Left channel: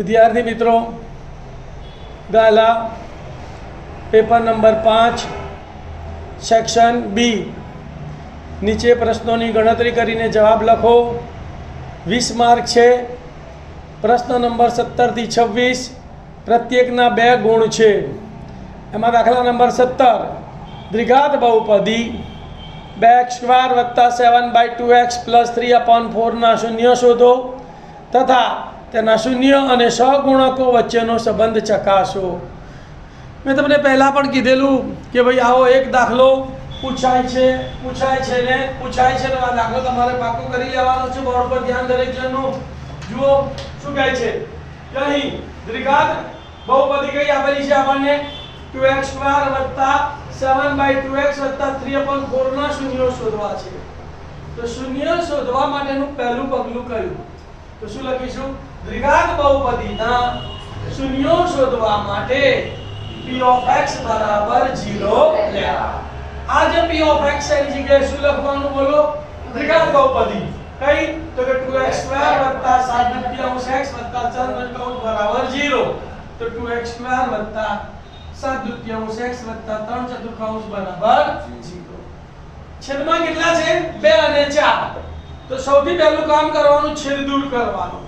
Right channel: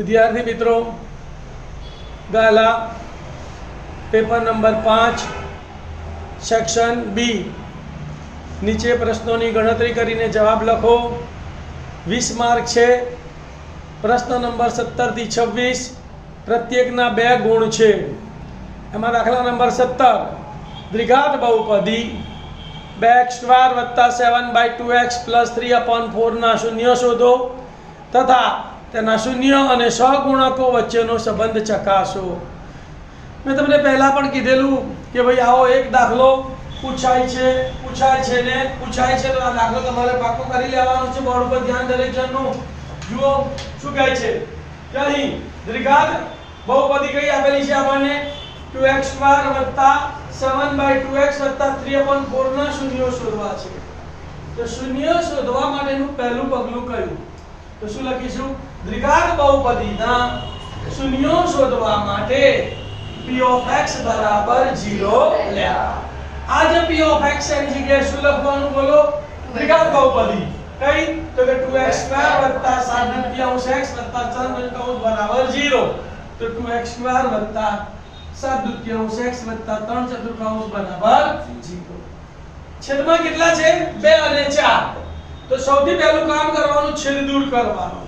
विद्यार्थी मित्रों गाला paper number 5 section B नीचे प्रश्नों की गणतरी करीने जवाब लखो। 20 मार्क है। प्रश्न नंबर 17 થી 26 प्रत्येकना 2 गुण है। एमां दाखला नंबर 17 द्विघात बहुपदी 2x² + 7/2x + 3/4 ना शून्य शोधो तथा तेना शून्य और सहगुणको वच्चेनो संबंध चकासो। मैं तमने पहला पण कीधेलू कि भाई आओ एक दाखलो पूछाय छे ने पूछाय छे तो आ दाखलो तमारे पाको करी लेवानो छे। बोर्ड पर ध्यान दरेक जननो जुओ शुं कहे छे कि अहीं द्विघात बहुपदी कई आपेली छे आपणे 2x² + 7/2x + 3/4 ना शून्यो शोधवा छे। तो शून्य शोधवा माटेनुं पहेલું પગલું कयुं तो शुं लखीशुं द्विघात बहुपदीना शून्यो शोधवा माटे p of x बराबर 0 लेवा। आज p of x एनी जग्याए शुं लखवानुं बोलो द्विघात बहुपदी कई तो कि 2x² + 7/2x + 4/2 बराबर 0 तो 2x² + 7/2x + 3/4 बराबर 0। छेदमां કેટલા છે 2 અને 4 तो સૌથી પહેલું કામ કરવાનું છેદ દૂર કરવાનું।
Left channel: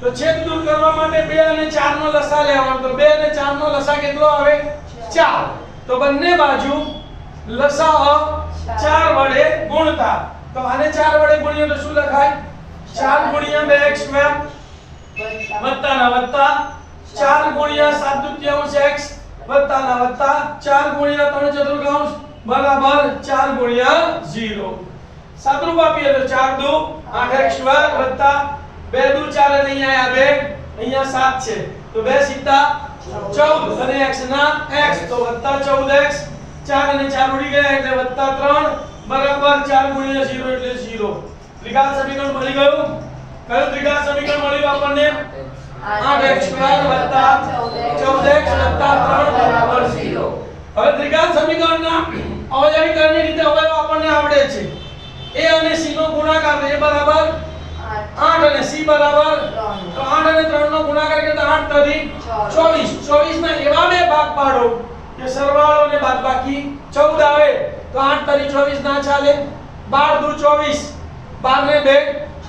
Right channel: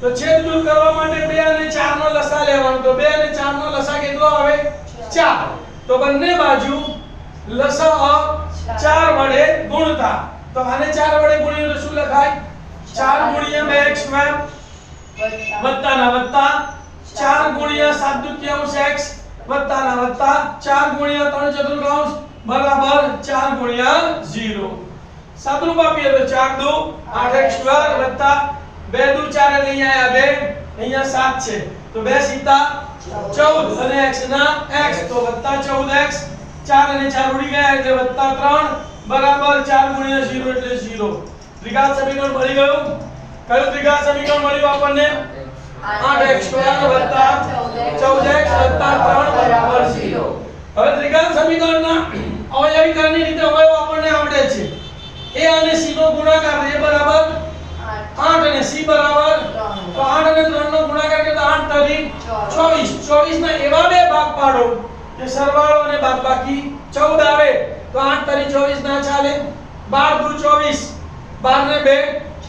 तो छेद दूर करवा माटे 2 અને 4 નો લસા લેવાનો। तो 2 અને 4 નો લસા કેટલો આવે 4 तो બંને બાજુ લસા 4 વડે ગુણતા तो આને 4 વડે ગુણ્યો તો શું લખાય 4 * 2x² વત્તા ના વત્તા 4 * 7/2x વત્તા ના વત્તા 4 * 3/4 બરાબર 4 * 0। સાદરૂપ આપીએ તો 4 * 2 8x² વત્તા 2 * 2 4 એટલે અહીંયા આયા 2 અહીંયા 7 છે તો 2 સીતા 14 અને x ના x તો વત્તા 14x 4 અને 4 ઉડી ગયા એટલે વત્તા 3 બરાબર 4 * 0 એટલે 0। દ્વિઘાત સમીકરણ મળી ગયું। કયું દ્વિઘાત સમીકરણ મળ્યું આપણને 8x² વત્તા 14x વત્તા 3 બરાબર 0। હવે દ્વિઘાત સમીકરણના અવયવીકરણની રીતે અવયવ આપણને આવડે છે। a અને c નો ગુણાકાર a બરાબર 8 અને c બરાબર તો 8 અને 3 નો ગુણાકાર કરે તો 8 તરી 24 24 ના એવા બે ભાગ પાડો કે સરવાળો અને બાદબાકી 14 આવે તો 8 તરી 24 ના ચાલે 12 * 2 24 12 ને 2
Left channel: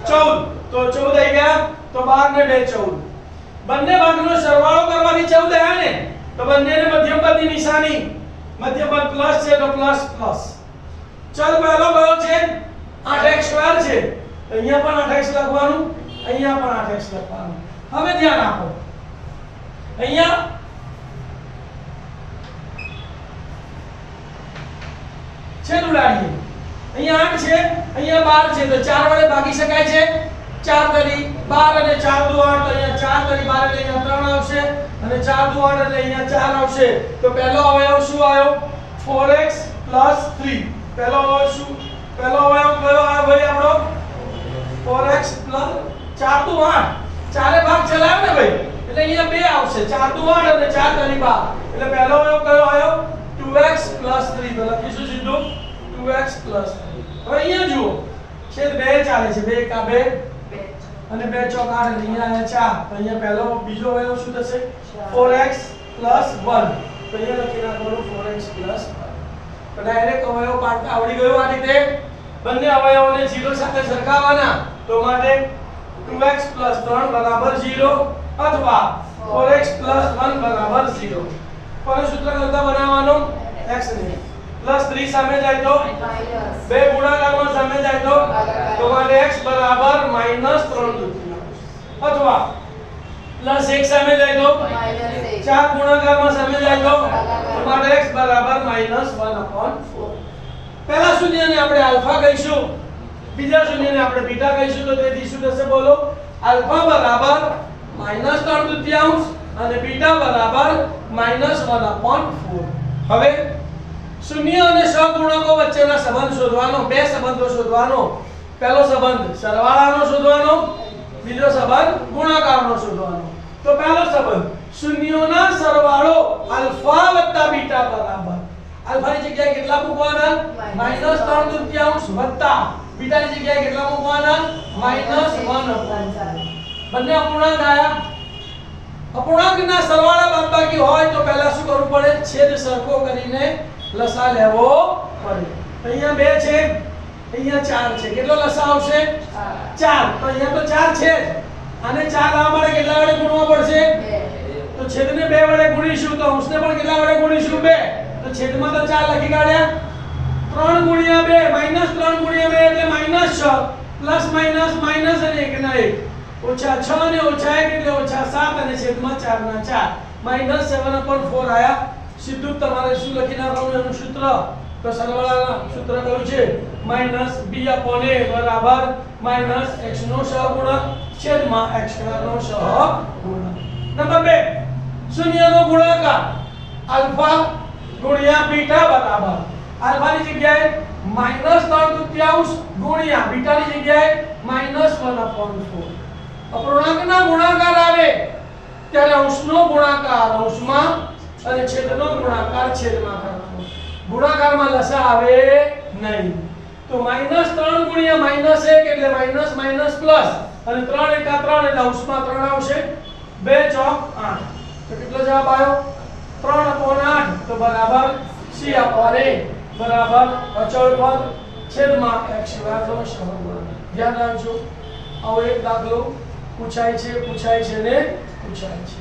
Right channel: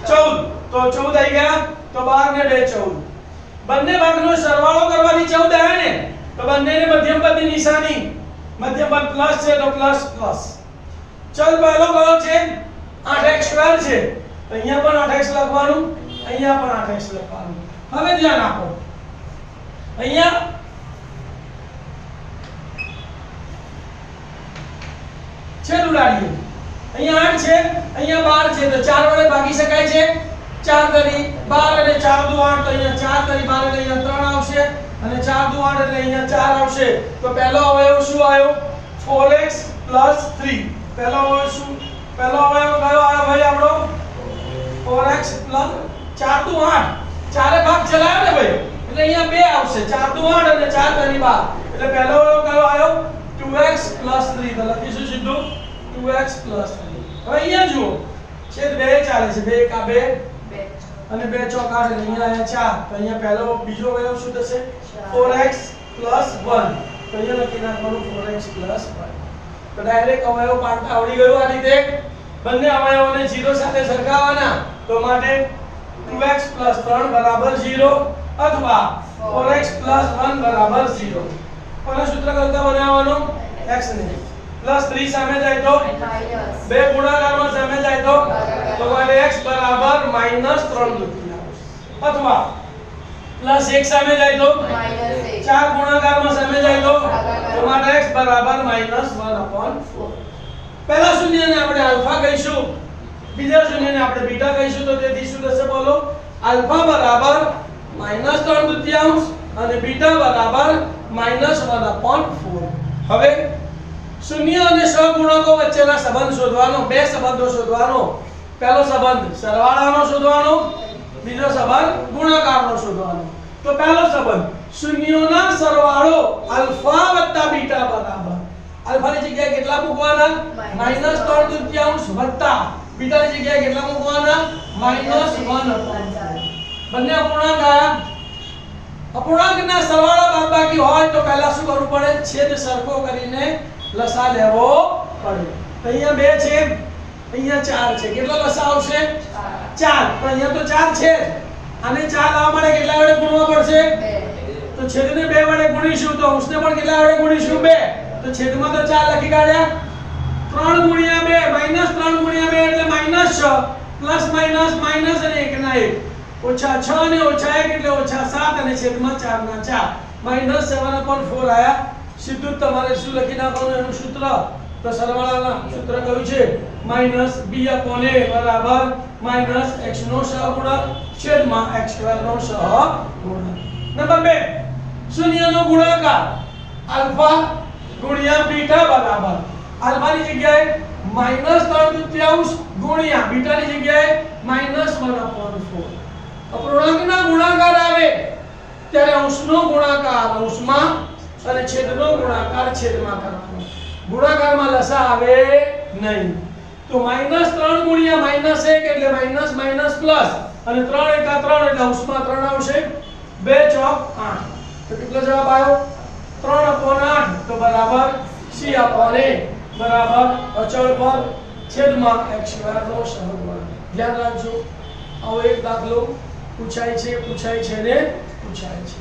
14 તો 14 આવી ગયા તો 12 ને 2 14 બંને ભાગનો સરવાળો કરવાની 14 આવે ને તો બંનેને મધ્યમપદની નિશાની મધ્યમપદ પ્લસ છે તો પ્લસ પ્લસ। ચલ પહેલો કયો છે 8x² છે तो અહીંયા પણ 8x લખવાનું અહીંયા પણ 8x લખવાનું। હવે ધ્યાન આપો અહીંયા છેદ ઉડાડીએ અહીંયા 8 છે અહીંયા 12 છે તો 4 વડે ભાગી શકાય છે 4 તરી 12 અને 4 * 2 8 તો અહીંયા 4 તરી 12 એટલે અહીંયા 3 આવશે અને 4 * 2 8 એટલે અહીંયા 4 આવશે તો પહેલો અવયવ શું આવ્યો 4x + 3। પહેલો અવયવ શું પહેલો અવયવ કયો આવ્યો ભાઈ આપણો 4x + 4 * 2 8 ચારે ભાગ ચલાવ્યો ને ભાઈ એટલે અહીંયા 2 આવશે 4 * 2 8 અને 4 તરી 12 એટલે પહેલો અવયવ કયો આવ્યો 2x + 3 તો લખીશું સીધું 2x + 3। હવે અહીંયા જુઓ છેદ 2 ચાલે છે 2 * 2 અને 2 * 4 8 એટલે અહીંયા આયા 4 તો અહીંયા પહેલો બીજો અવયવ શું થશે 4x + 1 તો અહીંયા લખી નાખવાનું 4x + 1 તો ડાયરેક્ટ અવયવ પાડતા આવડી ગયું આ રીતે। બંને અવયવોને 0 સાથે સરખાવવાના તો માટે 2x + 3 બરાબર 0 અથવા 4x + 1 બરાબર 0। કોને સૂત્ર કરતા બનાવવાનો x ને +3 સામે જાય તો બે ગુણાકારમાં સામે જાય તો માટે x બરાબર -3/4 અથવા +1 સામે જાય તો 4 ગુણાકારમાં સામે જાય તો માટે x બરાબર -1/4। पहला शून्य ने આપણે આલ્ફા કહીશું બીજા શૂન્ય ને આપણે બીટા કહીશું તો તેથી શું થશે બોલો આલ્ફા બરાબર -3/4 અને બીટા બરાબર -1/4। હવે શૂન્ય અને સહગુણકો વચ્ચેના સંબંધ શોધવાનો બે સંબંધો શોધવાનો। પહેલો સંબંધ સરવાળાનો શોધવાનો બીજો સંબંધ ગુણાકારનો શોધવાનો। તો પહેલો સંબંધ શૂન્યોના સરવાળો આલ્ફા + બીટા બરાબર अल्फा ની જગ્યાએ કેટલા મૂકવાના -3/4 વત્તા બીટા ની જગ્યાએ કેટલા મૂકવાના -1/4 બંને અપૂર્ણાંક આયા અપૂર્ણાંકના સરવાળા બાદબાકી હોય તો પહેલા શું કરવું પડે? છેદ સરખો કરીને લસા લેવો પડે. તો અહીંયા 2 છે, અહીંયા 4 છે. કેટલો લસા આવશે? 4. તો અહીંયા તો 4 છે જ. આને 4 લાવવા માટે કેટલા વડે ગુણવા પડશે? 2. તો છેદને 2 વડે ગુણીશું તો અંશને પણ કેટલા વડે ગુણીશું? 2. તો છેદમાં તો 4 લખી કાઢ્યા. 3 ગુણ્યા 2 માઈનસ 3 ગુણ્યા 2 એટલે -6 પ્લસ માઈનસ માઈનસ અને 1 ના 1 ઓછા 6 અને ઓછા 1 એટલે ઓછા 7 અને છેદમાં 4 ના 4 -7/4 આયા. સીધું જ તમારે શું લખી નાખવાનું એનું સૂત્ર? તો સરવાળાના સૂત્ર કયું છે? -b/a બરાબર -x નો સહગુણક છેદમાં x² નો સહગુણક. નંબર 2 શૂન્યનો ગુણાકાર આલ્ફા ગુણ્યા બીટા બરાબર આલ્ફાની જગ્યાએ -3/3 ગુણ્યા બીટાની જગ્યાએ -1/4. અપૂર્ણાંકના ગુણાકાર આવે ત્યારે અંશનો ગુણાકાર અંશમાં અને છેદનો ગુણાકાર છેદમાં કરવાનો. ગુણાકારમાં લસા આવે નહીં. તો -3 ગુણ્યા -1 એટલે માઈનસ માઈનસ પ્લસ અને 3 × 3 એટલે અંશમાં 3 આવશે. 2 × 8 તો કેટલો જવાબ આવ્યો? 3/8 તો બરાબર c/a બરાબર અચળ પર છેદમાં x² નો સહગુણક. ધ્યાન રાખજો, આવો એક દાખલો પૂછાય છે ને પૂછાય છે.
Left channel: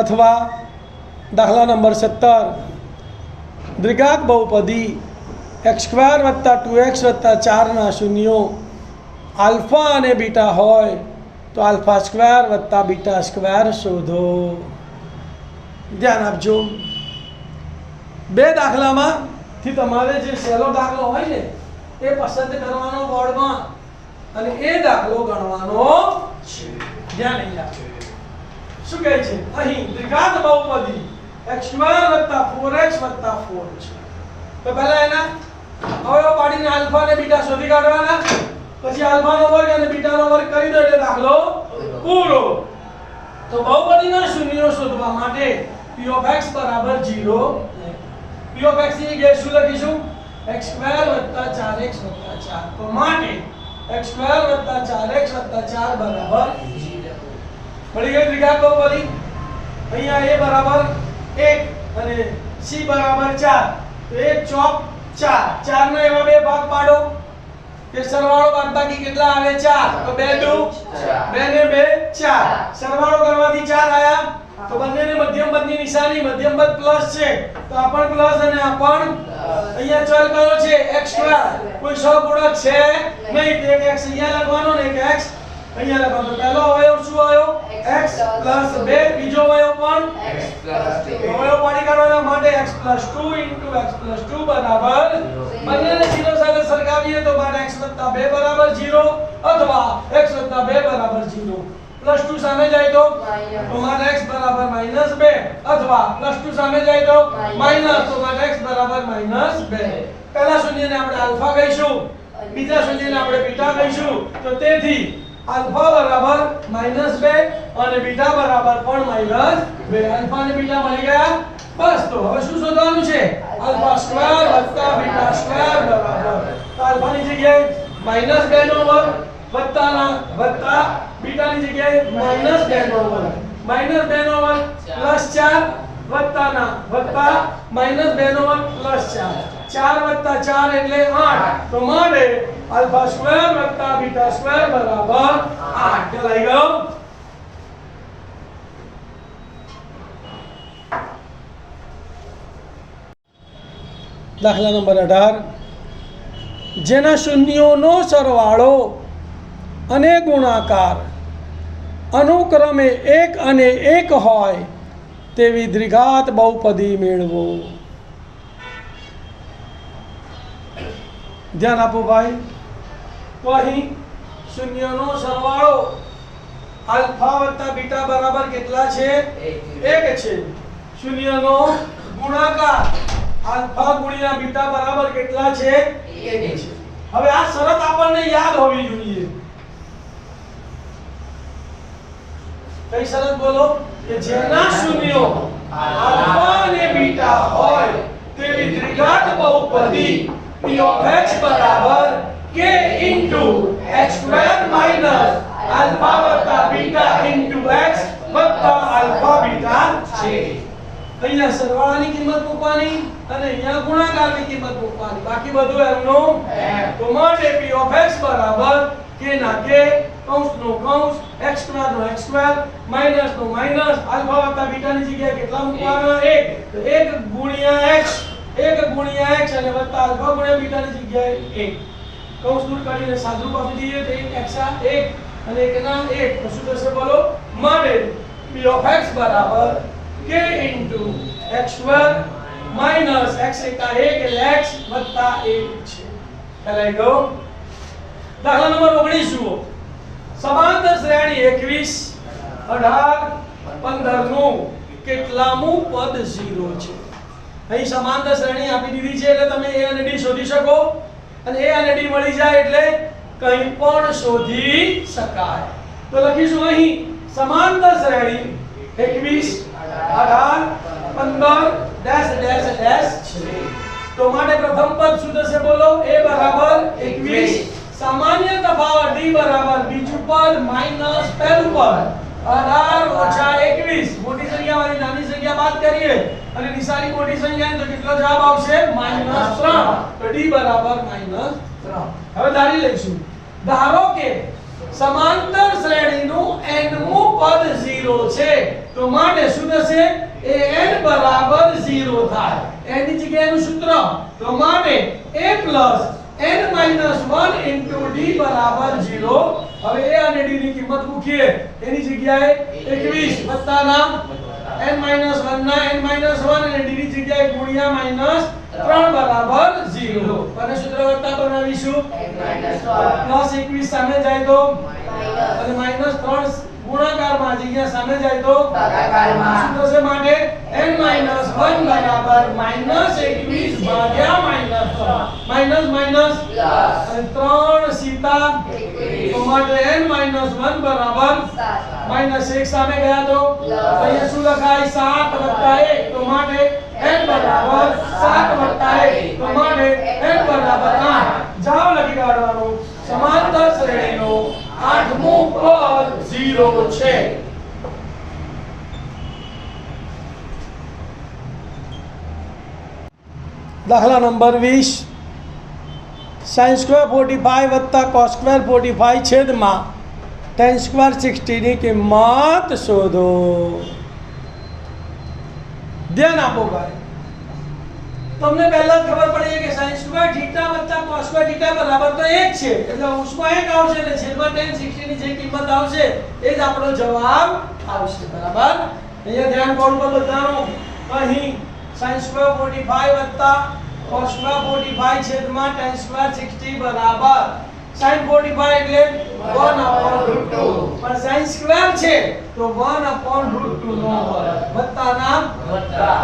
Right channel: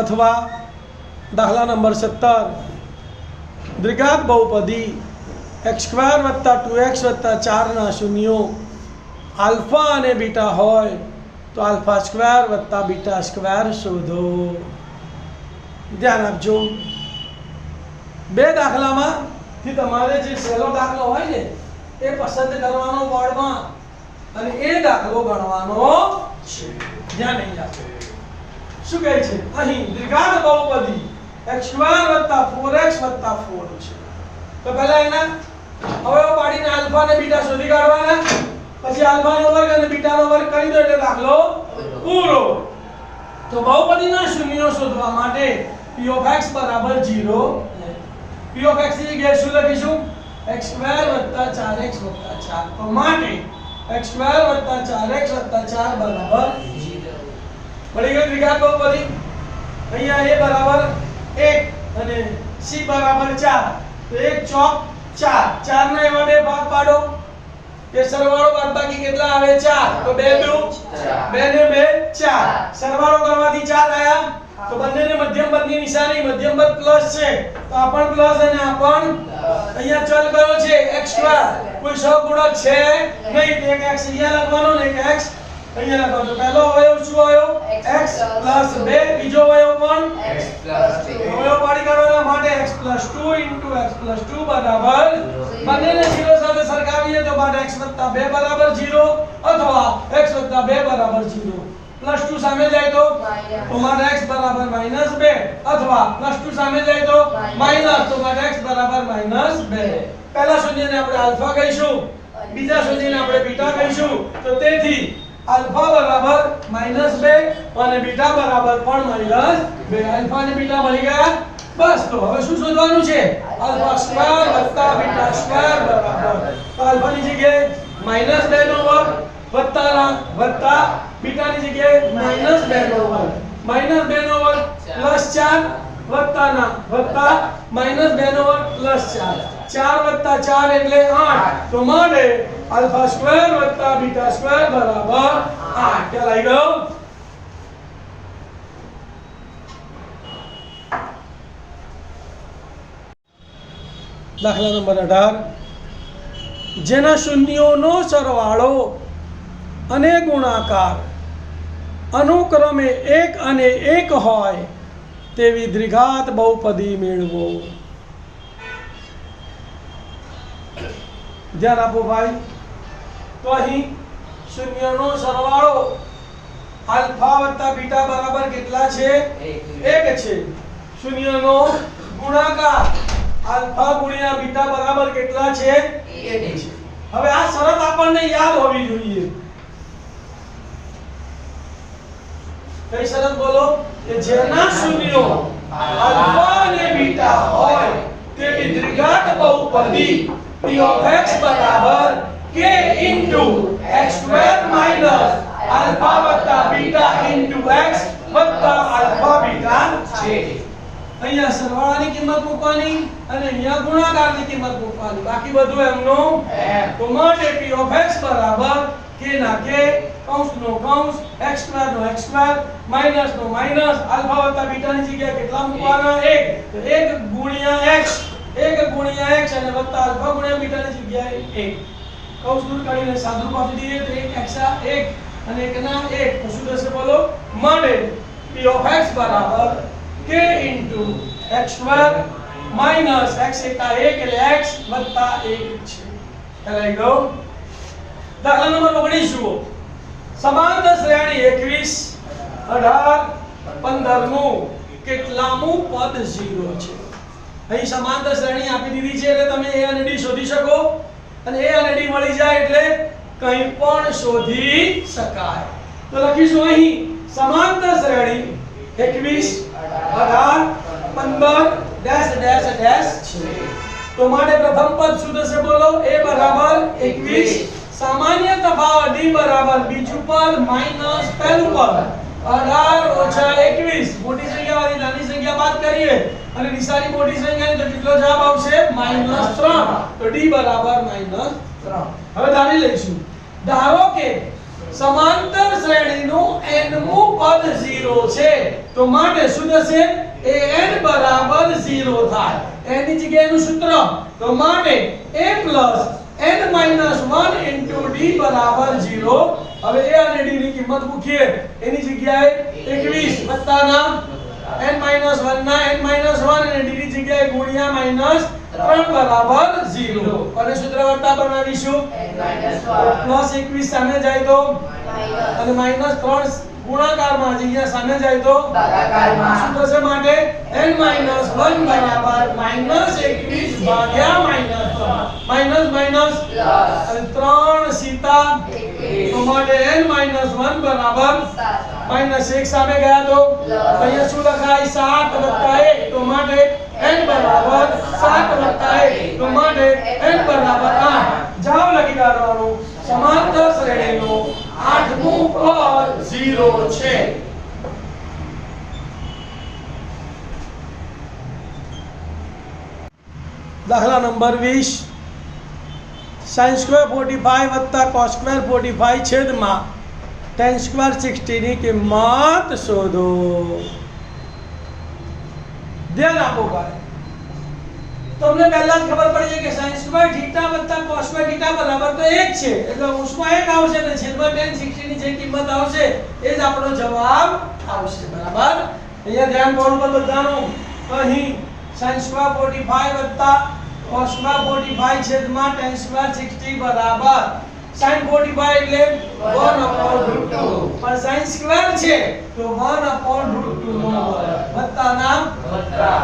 અથવા દાખલા નંબર 17 દ્વિઘાત બહુપદી x² + 2x + 4 ના શૂન્યો આલ્ફા અને બીટા હોય તો α² + β² શોધો. ધ્યાન આપજો. બે દાખલામાંથી તમારે જે સહેલો દાખલો હોય ને એ પસંદ કરવાનો બોર્ડમાં અને એ દાખલો ગણવાનો છે. ધ્યાન નહીં આપો. શું કહે છે અહીં? દ્વિઘાત બહુપદી x² + 4x + 4 છે. તો પહેલા એના અવયવ પાડીને આલ્ફા અને બીટા શોધી કાઢવાના. પછી આલ્ફાનો વર્ગ અને બીટાનો વર્ગ કરી દો એટલે દાખલો પૂરો. તો બહુપદીના શૂન્યો શોધવા માટે p of x બરાબર 0 p of x ની જગ્યાએ શું લખીશું? x² + 4x + 4. તો માટે x² + 4x + 4 બરાબર 0. મળી ગયું દ્વિઘાત બહુપદી. અહીંયા a બરાબર 1 અને c બરાબર 4. તો 1 ચોક 4. 4 ના એવા બે ભાગ પાડો કે સરવાળો બાદબાકી કેટલા આવે? 4. તો 2 દુ 2 ને 2 4. સરવાળો કરવાથી 4 આયા. તો બંનેની મધ્યમ પદની નિશાની મધ્યમ પદ પ્લસ છે તો આ પણ પ્લસ અને આ પણ. અહીંયા ચલ કયો છે? x². કોઈ સહગુણક છે નહીં. એક x અહીંયા લખવાનો ને એક x અહીંયા લખવાનો. પહેલો અવયવ શું આવ્યો? x + 2. બીજો અવયવ પણ x + 2. અવયવ પાડી કાઢવાના માટે x + 2 * x + 2 બરાબર બંનેને 0 સાથે સરખાવીએ તો બાદ x + 2 બરાબર 0 અથવા x + 2 બરાબર 0. +2 સામે જાય તો મારે x બરાબર -2 અથવા +2 સામે જાય તો માઈનસ તો મારે x બરાબર -2. પહેલા શૂન્યને આપણે આલ્ફા કહીશું, બીજા શૂન્યને આપણે બીટા કહીશું. તો તેથી આલ્ફા બરાબર -2 અને બીટા બરાબર પણ -2. આલ્ફા અને બીટા મળી ગયા. બસ તો હવે શું શોધવાનું છે? α² + β² બરાબર. તો આલ્ફાની જગ્યાએ -2 નો વર્ગ વત્તા બીટાની જગ્યાએ -2 નો વર્ગ. -2 નો વર્ગ +4 વત્તાના વત્તા -2 નો વર્ગ +4. 4 + 4 એટલે 8. તો માટે α² + β² બરાબર 8. ખ્યાલ આવી ગયો? દાખલા નંબર 18 જેના શૂન્યોનો સરવાળો અને ગુણાકાર અનુક્રમે 1 અને 1 હોય તેવી દ્વિઘાત બહુપદી મેળવો. ધ્યાન આપો ભાઈ. તો અહીં શૂન્યનો સરવાળો આલ્ફા વત્તા બીટા બરાબર કેટલા છે? 1 છે. શૂન્યનો ગુણાકાર આલ્ફા ગુણ્યા બીટા બરાબર કેટલા છે? 1 છે. હવે આ શરત આપણને યાદ હોવી જોઈએ. કઈ શરત બોલો? કે જેના શૂન્યો આલ્ફા અને બીટા હોય તેવી દ્વિઘાત બહુપદી p of x બરાબર k into x square minus alpha વત્તા બીટા into x વત્તા alpha બીટા છે. અહીંયા સરવાળાની કિંમત મૂકવાની અને અહીંયા ગુણાકારની કિંમત મૂકવાની, બાકી બધું એમનું તો માટે p of x બરાબર k ના k કૌંસનો કૌંસ x સ્ક્વેર નો x સ્ક્વેર માઈનસ નો માઈનસ આલ્ફા વત્તા બીટા ની જગ્યાએ કેટલા મૂકવાના 1 તો 1 ગુણ્યા x અને વત્તા આલ્ફા ગુણ્યા બીટા ની જગ્યાએ 1 કૌંસ દૂર કાઢીને સાદુરૂપ આપી દઈએ તો 1 x 1 અને 1 ના 1 તો શું થશે બોલો માટે p of x બરાબર k into x square minus x એકા 1 એટલે x વત્તા 1 છે. ચાલો ગો દાખલા નંબર 19 જુઓ. સમાંતર શ્રેણી 21 18 15 નું કેટલામું પદ 0 છે. અહીં સમાંતર શ્રેણી આપી દીધી છે એટલે તમે a અને d શોધી શકો અને a અને d મળી જાય એટલે કંઈ પણ શોધી શકાય. તો લખીશું અહીં સમાંતર શ્રેણી 21 18 15 ડેશ ડેશ ડેશ છે. તો માટે પ્રથમ પદ શું થશે બોલો a બરાબર 21 સામાન્ય તફાવત d બરાબર બીજું પદ માઈનસ પહેલું પદ 18 ઓછા 21 મોટી સંખ્યામાંથી નાની સંખ્યા બાદ કરીએ અને નિશાની મોટી સંખ્યા તો કેટલો જવાબ આવશે -3 તો d બરાબર -3. હવે ધારી લઈશું ધારો કે સમાંતર શ્રેણીનું nમું પદ 0 છે તો માટે શું થશે an બરાબર 0 થાય. n ની જગ્યાએનું સૂત્ર તો માટે a n-1 into d બરાબર 0. હવે a અને d ની કિંમત મૂકીએ એની જગ્યાએ 21 વત્તાના n-1 ના n-1 અને d ની જગ્યાએ ગુણ્યા -3 બરાબર 0. અને સૂત્ર વત્તા બનાવીશું +21 સામે જાય તો અને -3 ગુણાકારમાં જગ્યા સામે જાય તો ભાગાકારમાં શું થશે માટે n-1 બરાબર -21 ભાગ્યા -3 અને 3 સીતા તો માટે n-1 બરાબર -1 સામે ગયા તો અહીંયા શું લખાય 7 + 1 તો માટે n બરાબર 7 + 1 તો માટે n બરાબર 8. જવાબ લખી કાઢવાનું સમાંતર શ્રેણીનો 8મું પદ 0 છે. દાખલા નંબર 20 sin² 45 વત્તા cos² 45 છેદમાં tan² 60 ની કિંમત શોધો. ધ્યાન આપો ભાઈ, તમને પહેલા જ ખબર પડી છે કે sin² θ વત્તા cos² θ બરાબર તો 1 છે એટલે અંશમાં 1 આવશે એટલે છેદમાં tan 60 ની જે કિંમત આવશે એ જ આપણો જવાબ આવશે. બરાબર, અહીંયા ધ્યાન કોણ પર બધાનું અહીં sin² 45 વત્તા cos² 45 છેદમાં tan² 60 બરાબર sin 45 એટલે 1/√2 પણ sin² છે તો 1/√2 નો વત્તા નામ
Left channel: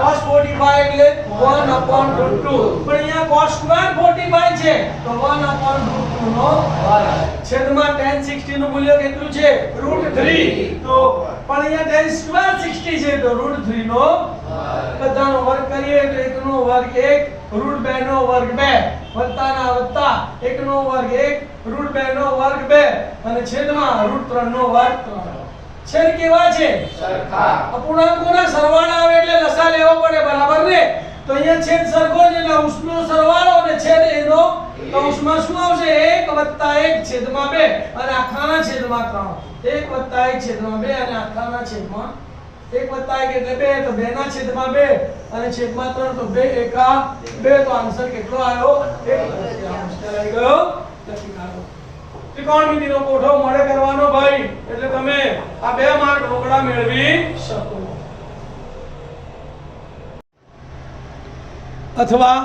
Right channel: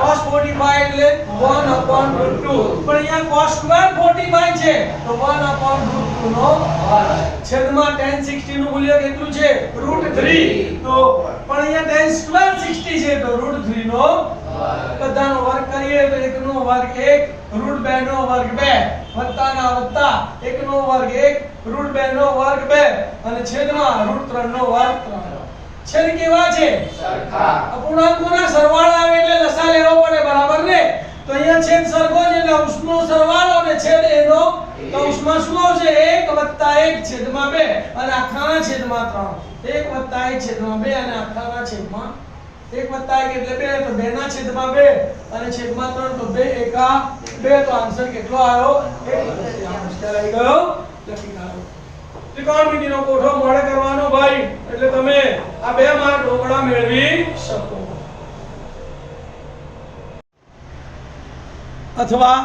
cos 45 એટલે 1/√2 પણ અહીંયા cos² 45 છે તો 1/√2 નો છેદમાં tan 60 નું મૂલ્ય કેટલું છે √3 તો પણ અહીંયા tan² 60 છે તો √3 નો બધાનો વર્ગ કરીએ તો 1 નો વર્ગ 1 √2 નો વર્ગ 2 વત્તાના વત્તા 1 નો વર્ગ 1 √2 નો વર્ગ 2 અને છેદમાં √3 નો વર્ગ 3. છેદ કેવા છે સરખા. અપૂર્ણાંકોના સરવાળા આવે એટલે લસા લેવો પડે. બરાબર ને, તો અહીંયા છેદ સરખો છે એટલે અંશનો સરવાળો અને છેદ એનો કૌંસમાં શું આવશે 1 + 1 છેદમાં 2 અને આખાના છેદમાં 3. 1 + 1 છેદમાં 2 અને આખાના છેદમાં 1 + 1 એટલે 2 તો 2 ના છેદમાં 2 અને છેદમાં 3 તો 2 એકા 2 તો આન્સર કેટલો આવ્યો 1 આવી ગયો. લખી નાખો. ત્રિકોણમિતિનો કોઠો મોડે કરવાનો ભાઈ એટલે તમે આ 2 માર્ક ઢોકળા મેળવી શકો. અથવા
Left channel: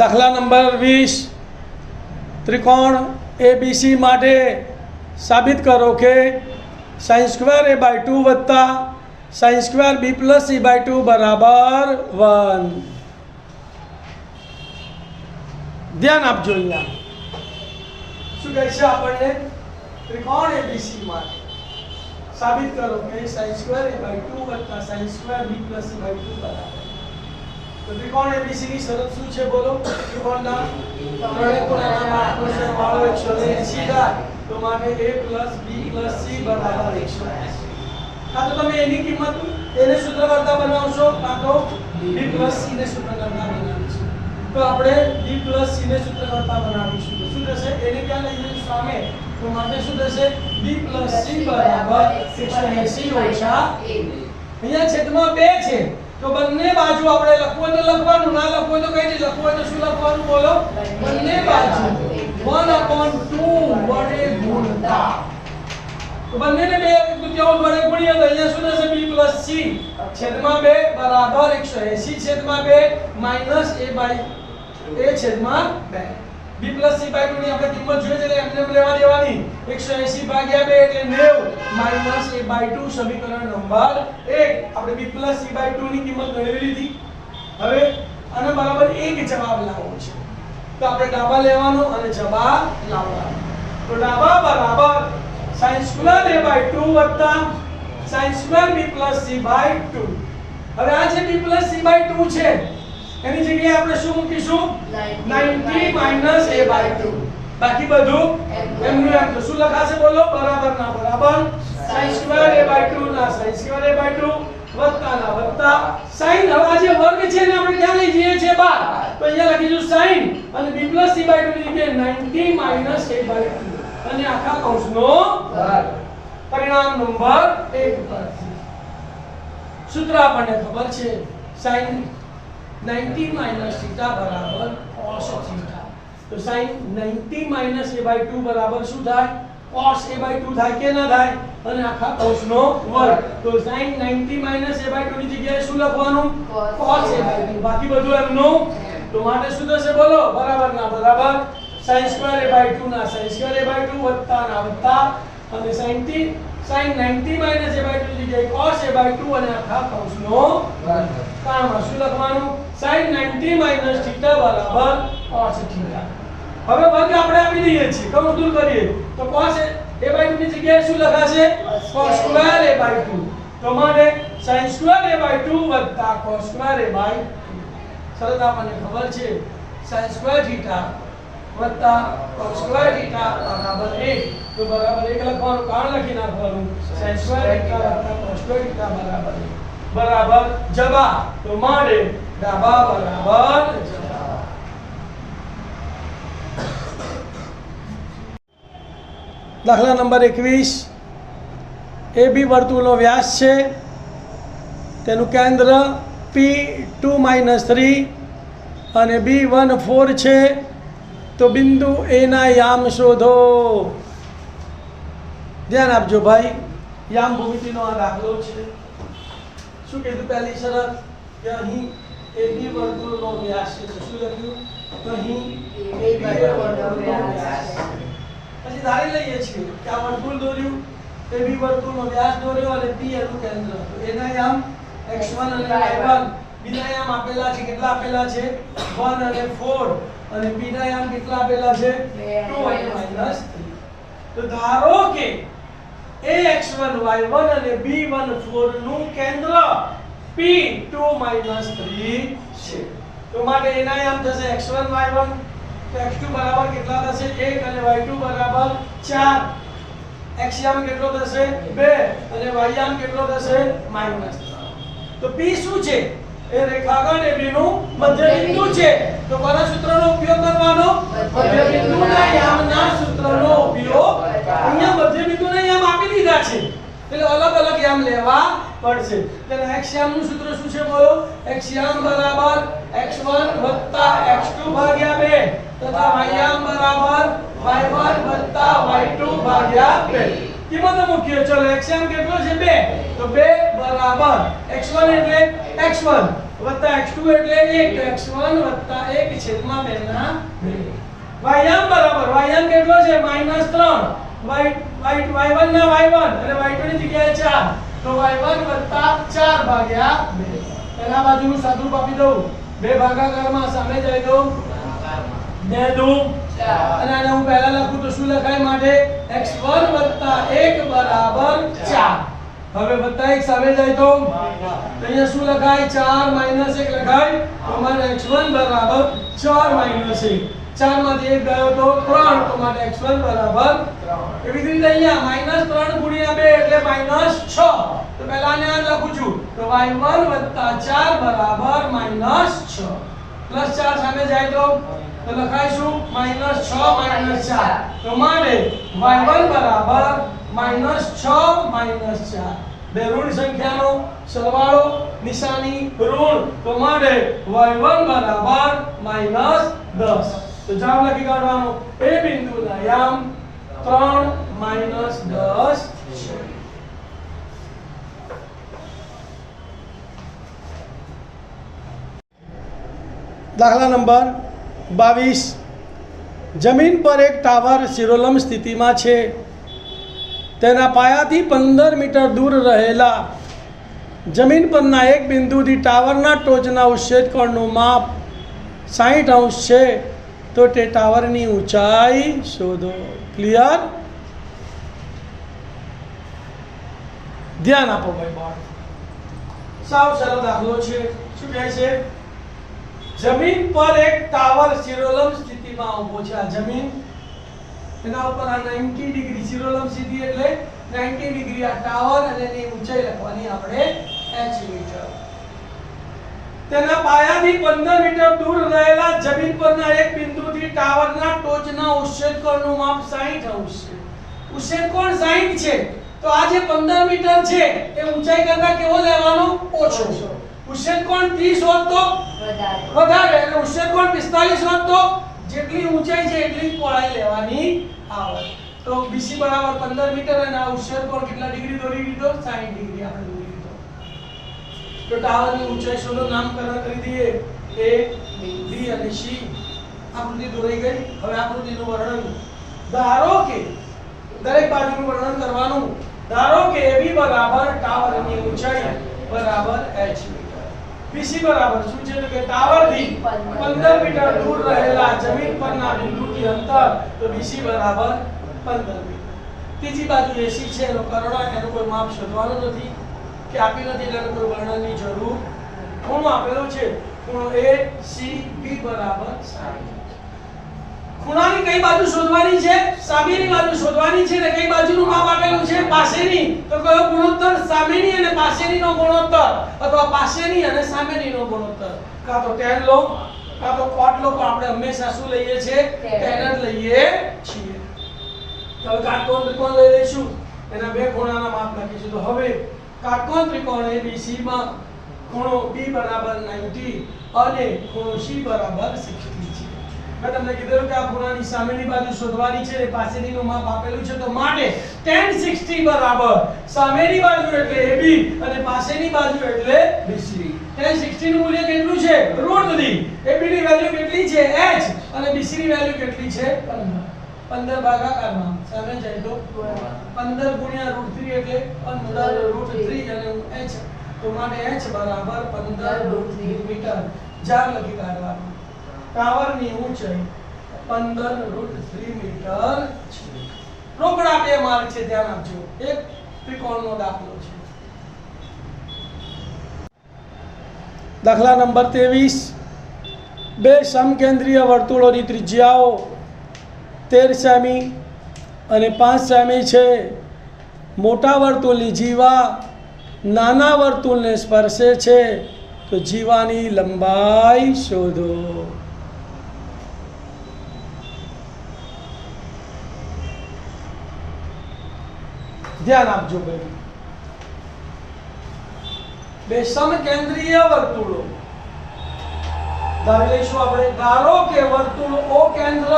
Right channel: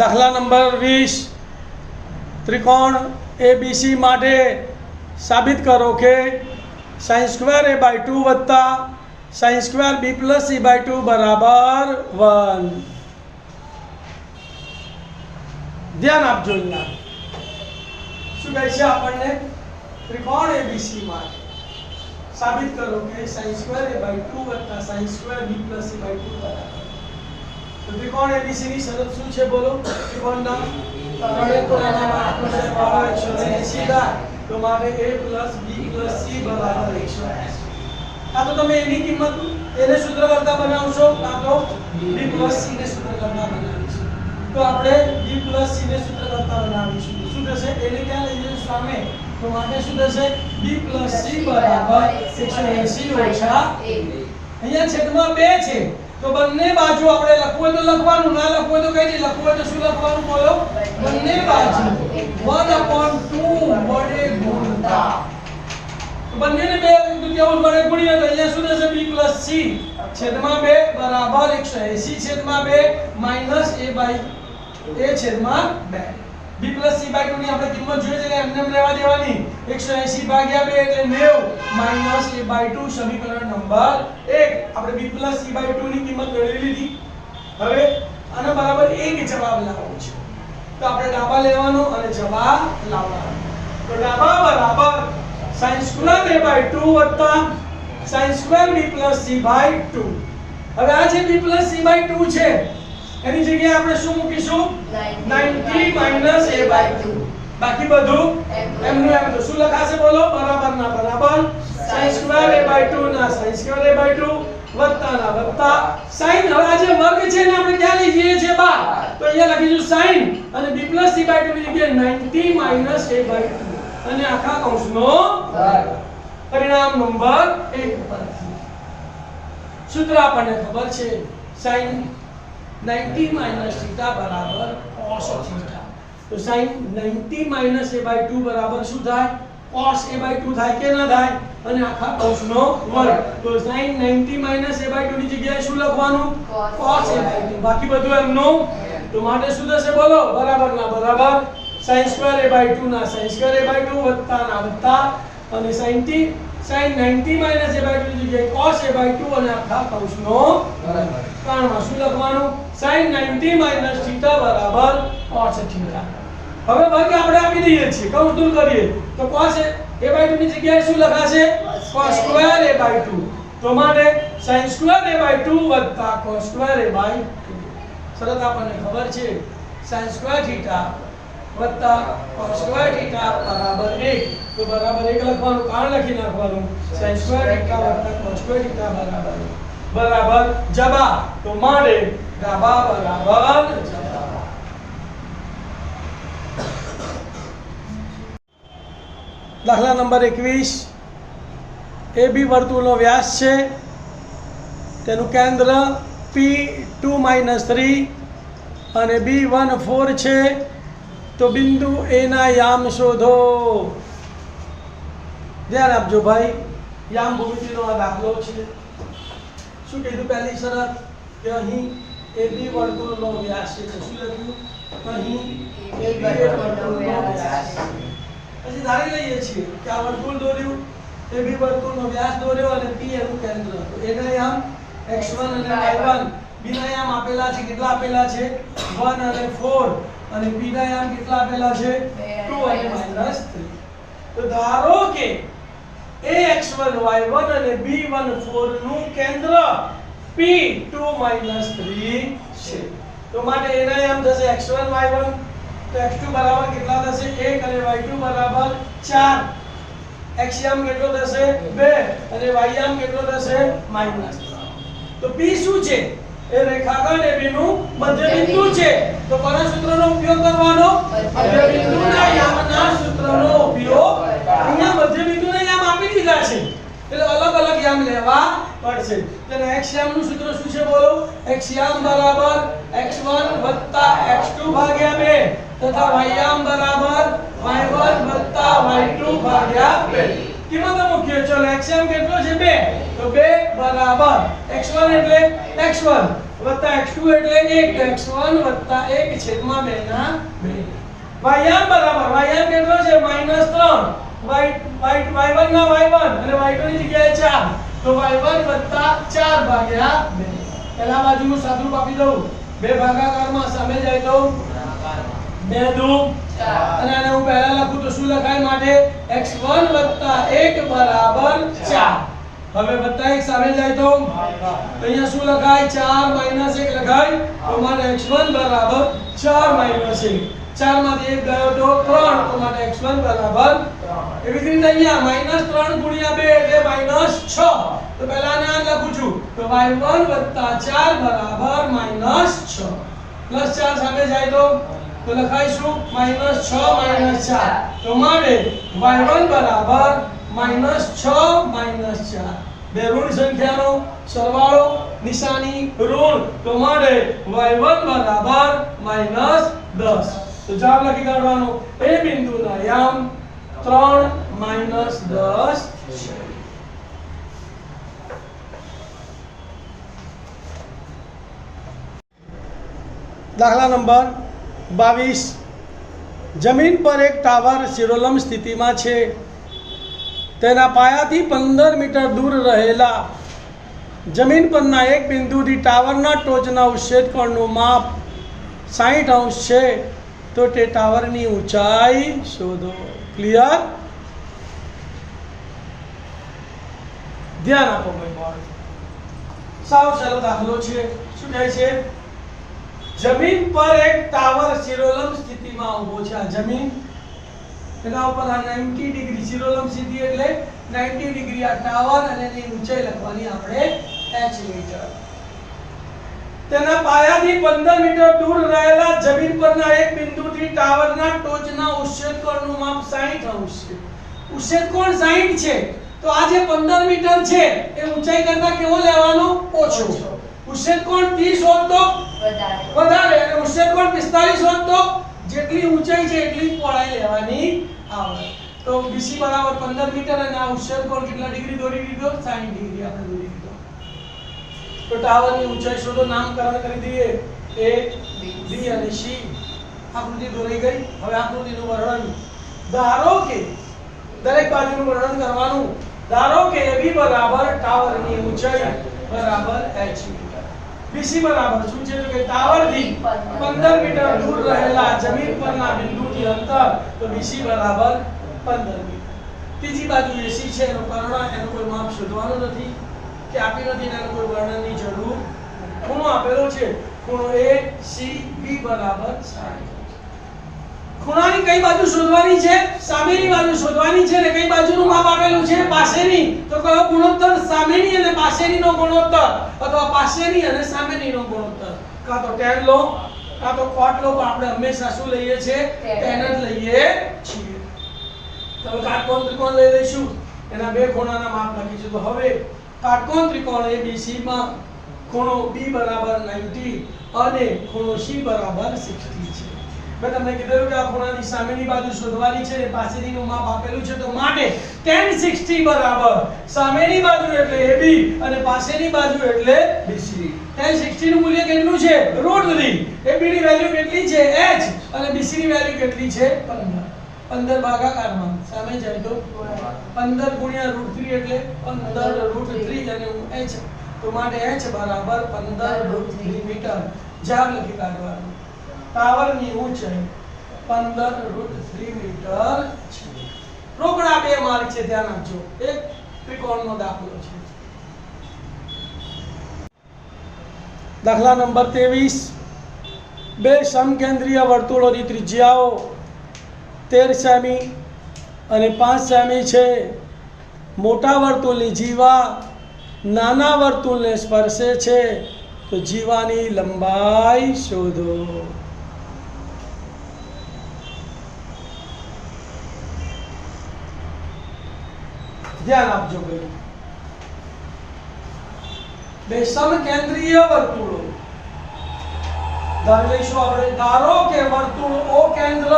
દાખલા નંબર 20 ત્રિકોણ ABC માટે સાબિત કરો કે sin² a/2 વત્તા sin² b + c/2 બરાબર 1. ધ્યાન આપજો. અહીંયા શું કહે છે આપણને ત્રિકોણ ABC માટે સાબિત કરો કે sin² a/2 વત્તા sin² b + c/2 બરાબર. તો ત્રિકોણ ABC ની શરત શું છે બોલો? ત્રિકોણના ત્રણે ખૂણાના માપનો સરવાળો 180 થાય તો માટે a + b + c બરાબર 180. આ તો તમે એની કિંમત એને સૂત્ર કરતા બનાવશો કાં તો b + c ને સૂત્ર કરતા બનાવીશું. તો આપણે b + c ને સૂત્ર કરતા બનાવીશું. તો શું થશે? એને ક્યાં લઈ જઈશું? સામે. તો માટે શું થશે? b + c બરાબર 180 - a. અહીંયા છેદમાં 2 છે તો બંને બાજુ આપણે લખવું હોય તો લખવાનું, ના લખવું હોય તો કઈ નહીં લખવું હોય તો શું લખવાનું બોલો? બંને બાજુ 1/2 વડે ગુણતા. તો બંનેને 2 વડે ગુણીએ તો અહીંયા શું થશે? b + c છેદમાં 2 બરાબર 180 છેદમાં 2 માઈનસ a છેદમાં 2. b + c/2 ની આપણે કિંમત જોઈએ એટલે એમને લેવા દેવાની. 180 ભાગ્યા 2 એટલે 90 માઈનસ a/2 સમીકરણ નંબર 1. આપણે b + c/2 ની કિંમત ગણી લીધી. હવે આના બરાબર 1 જવાબ લાવવો છે તો આપણે ડાબા લેવાનો અને જવાબ લાવવાનો. તો ડાબા બરાબર sin² a/2 વત્તા sin² b + c/2. હવે આ જે b + c/2 છે એની જગ્યાએ આપણે શું મૂકીશું? 90 - a/2. બાકી બધું એમનું એમ. તો શું લખાશે બોલો? બરાબર ના બરાબર sin² a/2 ના sin² a/2 વત્તા ના વત્તા sin. હવે આ જે વર્ગ છે ને આપણે ક્યાં લઈ જઈએ છીએ? બહાર. તો અહીંયા લખીશું sin અને b + c/2 ની જગ્યાએ 90 - a/2 અને આખા કૌંસનો વર્ગ. પરિણામ નંબર 1 પર. સૂત્ર આપણને ખબર છે sin 90 - θ બરાબર cos θ. તો sin 90 - a/2 બરાબર શું થાય? cos a/2 થાય કે ના થાય? અને આખા કૌંસનો વર્ગ. તો sin 90 - a/2 ની જગ્યાએ શું લખવાનું? cos a/2. બાકી બધું એમનું. તો માટે શું થશે બોલો? બરાબર ના બરાબર sin² a/2 ના sin² a/2 વત્તા ના વત્તા અને sin 90 - a/2 ની જગ્યાએ cos a/2 અને આખા કૌંસનો વર્ગ. કારણમાં શું લખવાનું? sin 90 - θ બરાબર cos θ. હવે વર્ગ આપણે આપી દઈએ છીએ, કૌંસ દૂર કરીએ તો cos a/2 ની જગ્યાએ શું લખાશે? cos² a/2. તો માટે sin² a/2 વત્તા cos² a/2. શરત આપણને ખબર છે sin² θ વત્તા cos² θ બરાબર 1. તો બરાબર 1 લખવાનું, કારણ લખી નાખવાનું sin² θ વત્તા cos² θ બરાબર 1 બરાબર જવાબ. તો માટે ડાબા બરાબર જવાબ. દાખલા નંબર 21. AB વર્તુળનો વ્યાસ છે, તેનું કેન્દ્ર P2 - 3 અને B1 4 છે. તો બિંદુ A ના યામ શોધો. ધ્યાન આપજો ભાઈ, યામ ભૂમિતિનો આ દાખલો છે. શું કીધું? પહેલી શરત કે અહીં AB વર્તુળનો વ્યાસ છે. શું લખ્યું? અહીં AB વર્તુળનો વ્યાસ. પછી ધારી લઈએ છીએ કે આ વર્તુળ દોર્યું, AB વર્તુળનો વ્યાસ દોર્યો અને P એનું કેન્દ્ર. તો A ના યામ x1 અને y1. B ના યામ આપેલા છે. કેટલા આપેલા છે? 1 અને 4. અને B ના યામ કેટલા આપેલા છે? 2 અને -3. તો ધારો કે ax1 y1 અને b1 4 નું કેન્દ્ર P2 - 3 છે. તો માટે એના યામ થશે x1 y1. તો x2 બરાબર કેટલા થશે? 1 અને y2 બરાબર 4. x યામ કેટલો થશે? 2 અને y યામ કેટલો થશે? -3. તો P શું છે? એ રેખાખંડ AB નું મધ્યબિંદુ છે. તો કોના સૂત્રનો ઉપયોગ કરવાનો? મધ્યબિંદુના યામના સૂત્રનો ઉપયોગ. અહીંયા મધ્યબિંદુના યામ આપી દીધા છે એટલે અલગ અલગ યામ લેવા પડશે. તો x યામનું સૂત્ર શું છે બોલો? x યામ બરાબર x1 + x2 ભાગ્યા 2 તથા y યામ બરાબર y1 + y2 ભાગ્યા 2. કિંમતો મૂકીએ. ચલો x યામ કેટલો છે? 2. તો 2 બરાબર x1 એટલે x1 વત્તા x2 એટલે 1. તો x1 + 1 છેદમાં 2 ના 2. y યામ બરાબર y યામ કેટલો છે? -3. y1 ના y1 અને y2 ની જગ્યાએ 4. તો y1 + 4 ભાગ્યા 2. પહેલા બાજુનું સાદુરૂપ આપી દઉં. 2 ભાગાકારમાં સામે જાય તો 2 દુ 4. અને આને હું પહેલા લખું તો શું લખાય? માટે x1 + 1 બરાબર 4. હવે +1 સામે જાય તો અહીંયા શું લખાય? 4 - 1 લખાય. તો મારે x1 બરાબર 4 - 1. 4 માંથી 1 ગયો તો 3, તો માટે x1 બરાબર 3. એવી જ રીતે અહીંયા -3 ગુણ્યા 2 એટલે -6. તો પહેલા આને આ લખું છું, તો y1 + 4 બરાબર -6. +4 સામે જાય તો લખાઈશું -6 -4. તો માટે y1 બરાબર -6 -4. બે ઋણ સંખ્યાનો સરવાળો, નિશાની ઋણ, તો માટે y1 બરાબર -10. તો જવાબ લખી કાઢવાનો, એ બિંદુના યામ 3 -10 છે. દાખલા નંબર 22. જમીન પર એક ટાવર શિરોલંબ સ્થિતિમાં છે. તેના પાયાથી 15 મીટર દૂર રહેલા જમીન પરના એક બિંદુથી ટાવરના ટોચના ઉચ્છેદ કોણનું માપ 60° છે. તો તે ટાવરની ઊંચાઈ શોધો. ક્લિયર? ધ્યાન આપો ભાઈ બોર્ડ. સાવ સરળ દાખલો છે. શું થાય છે? જમીન પર એક ટાવર શિરોલંબ સ્થિતિમાં ઊભો છે. આ જમીન, એના ઉપર આ 90 ડિગ્રી શિરોલંબ સ્થિતિ એટલે 90 ડિગ્રી આ ટાવર, અને એની ઊંચાઈ લખવાની આપણે h મીટર. તેના પાયાથી 15 મીટર દૂર રહેલા જમીન પરના એક બિંદુથી ટાવરના ટોચના ઉચ્છેદ કોણનું માપ 60° છે. ઉચ્છેદ કોણ 60 છે, તો આ જે 15 મીટર છે એ ઊંચાઈ કરતા કેવો લેવાનો? ઓછો. ઉચ્છેદ કોણ 30 હોત તો વધારે, એટલે ઉચ્છેદ કોણ 45 હોત તો જેટલી ઊંચાઈ છે એટલી જ પહોળાઈ લેવાની આવે. તો BC બરાબર 15 મીટર, અને આ ઉચ્છેદ કોણ કેટલા ડિગ્રી દોરી દીધો? 60 ડિગ્રી આપણે દોરી દીધો. તો ટાવરની ઊંચાઈ શોધો. નામકરણ કરી દઈએ, A, B અને C. આકૃતિ દોરાઈ ગઈ. હવે આકૃતિનું વર્ણન. ધારો કે દરેક બાજુનું વર્ણન કરવાનું. ધારો કે AB બરાબર ટાવરની ઊંચાઈ બરાબર h મીટર. BC બરાબર શું છે? તો કે ટાવરથી 15 મીટર દૂર રહેલા જમીન પરના બિંદુથી અંતર, તો BC બરાબર 15 મીટર. ત્રીજી બાજુ AC છે, એનો કર્ણ, એનું કોઈ માપ શોધવાનું નથી કે આપી નથી, એનું કોઈ વર્ણનની જરૂર. ખૂણો આપેલો છે, ખૂણો ACB બરાબર 60. ખૂણાની કઈ બાજુ શોધવાની છે? સામેની બાજુ શોધવાની છે. ને કઈ બાજુનું માપ આપેલું છે? પાસેની. તો કયો ગુણોત્તર? સામેની અને પાસેનીનો ગુણોત્તર, અથવા પાસેની અને સામેનીનો ગુણોત્તર. કાં તો tan લો, કાં તો cot લો, પણ આપણે હંમેશા શું લઈએ છીએ? tan જ લઈએ છીએ. તો કાટકોણ ત્રિકોણ લઈ લઈશું, એના બે ખૂણાના માપ લખીશું. તો હવે કાટકોણ ત્રિકોણ ABC માં ખૂણો B બરાબર 90 અને ખૂણો C બરાબર 60 છે. મેં તમને કીધું કે આ ખૂણાની સામેની બાજુ શોધવાની છે, પાસેનીનું માપ આપેલું છે. તો માટે tan 60 બરાબર સામેની બાજુ એટલે AB અને પાસેની બાજુ એટલે BC. tan 60 નું મૂલ્ય કેટલું છે? √3. AB ની વેલ્યુ કેટલી છે? h, અને BC ની વેલ્યુ કેટલી છે? 15. 15 ભાગાકારમાં સામે જાય તો 15 ગુણ્યા √3 એટલે 15 √3 અને h. તો માટે h બરાબર 15 √3 મીટર. જવાબ લખી કાઢવાનું. ટાવરની ઊંચાઈ 15 √3 મીટર છે. રોકડા 2 માર્ક છે, ધ્યાન આપજો. એક ત્રિકોણનો દાખલો છે. દાખલા નંબર 23. બે સમકેન્દ્રીય વર્તુળોની ત્રિજ્યાઓ 13 સેમી અને 5 સેમી છે. મોટા વર્તુળની જીવા નાના વર્તુળને સ્પર્શે છે. તો જીવાની લંબાઈ શોધો. ધ્યાન આપજો ભાઈ. બે સમકેન્દ્રીય વર્તુળો ધારી લઈશું આપણે. ધારો કે વર્તુળ O કેન્દ્ર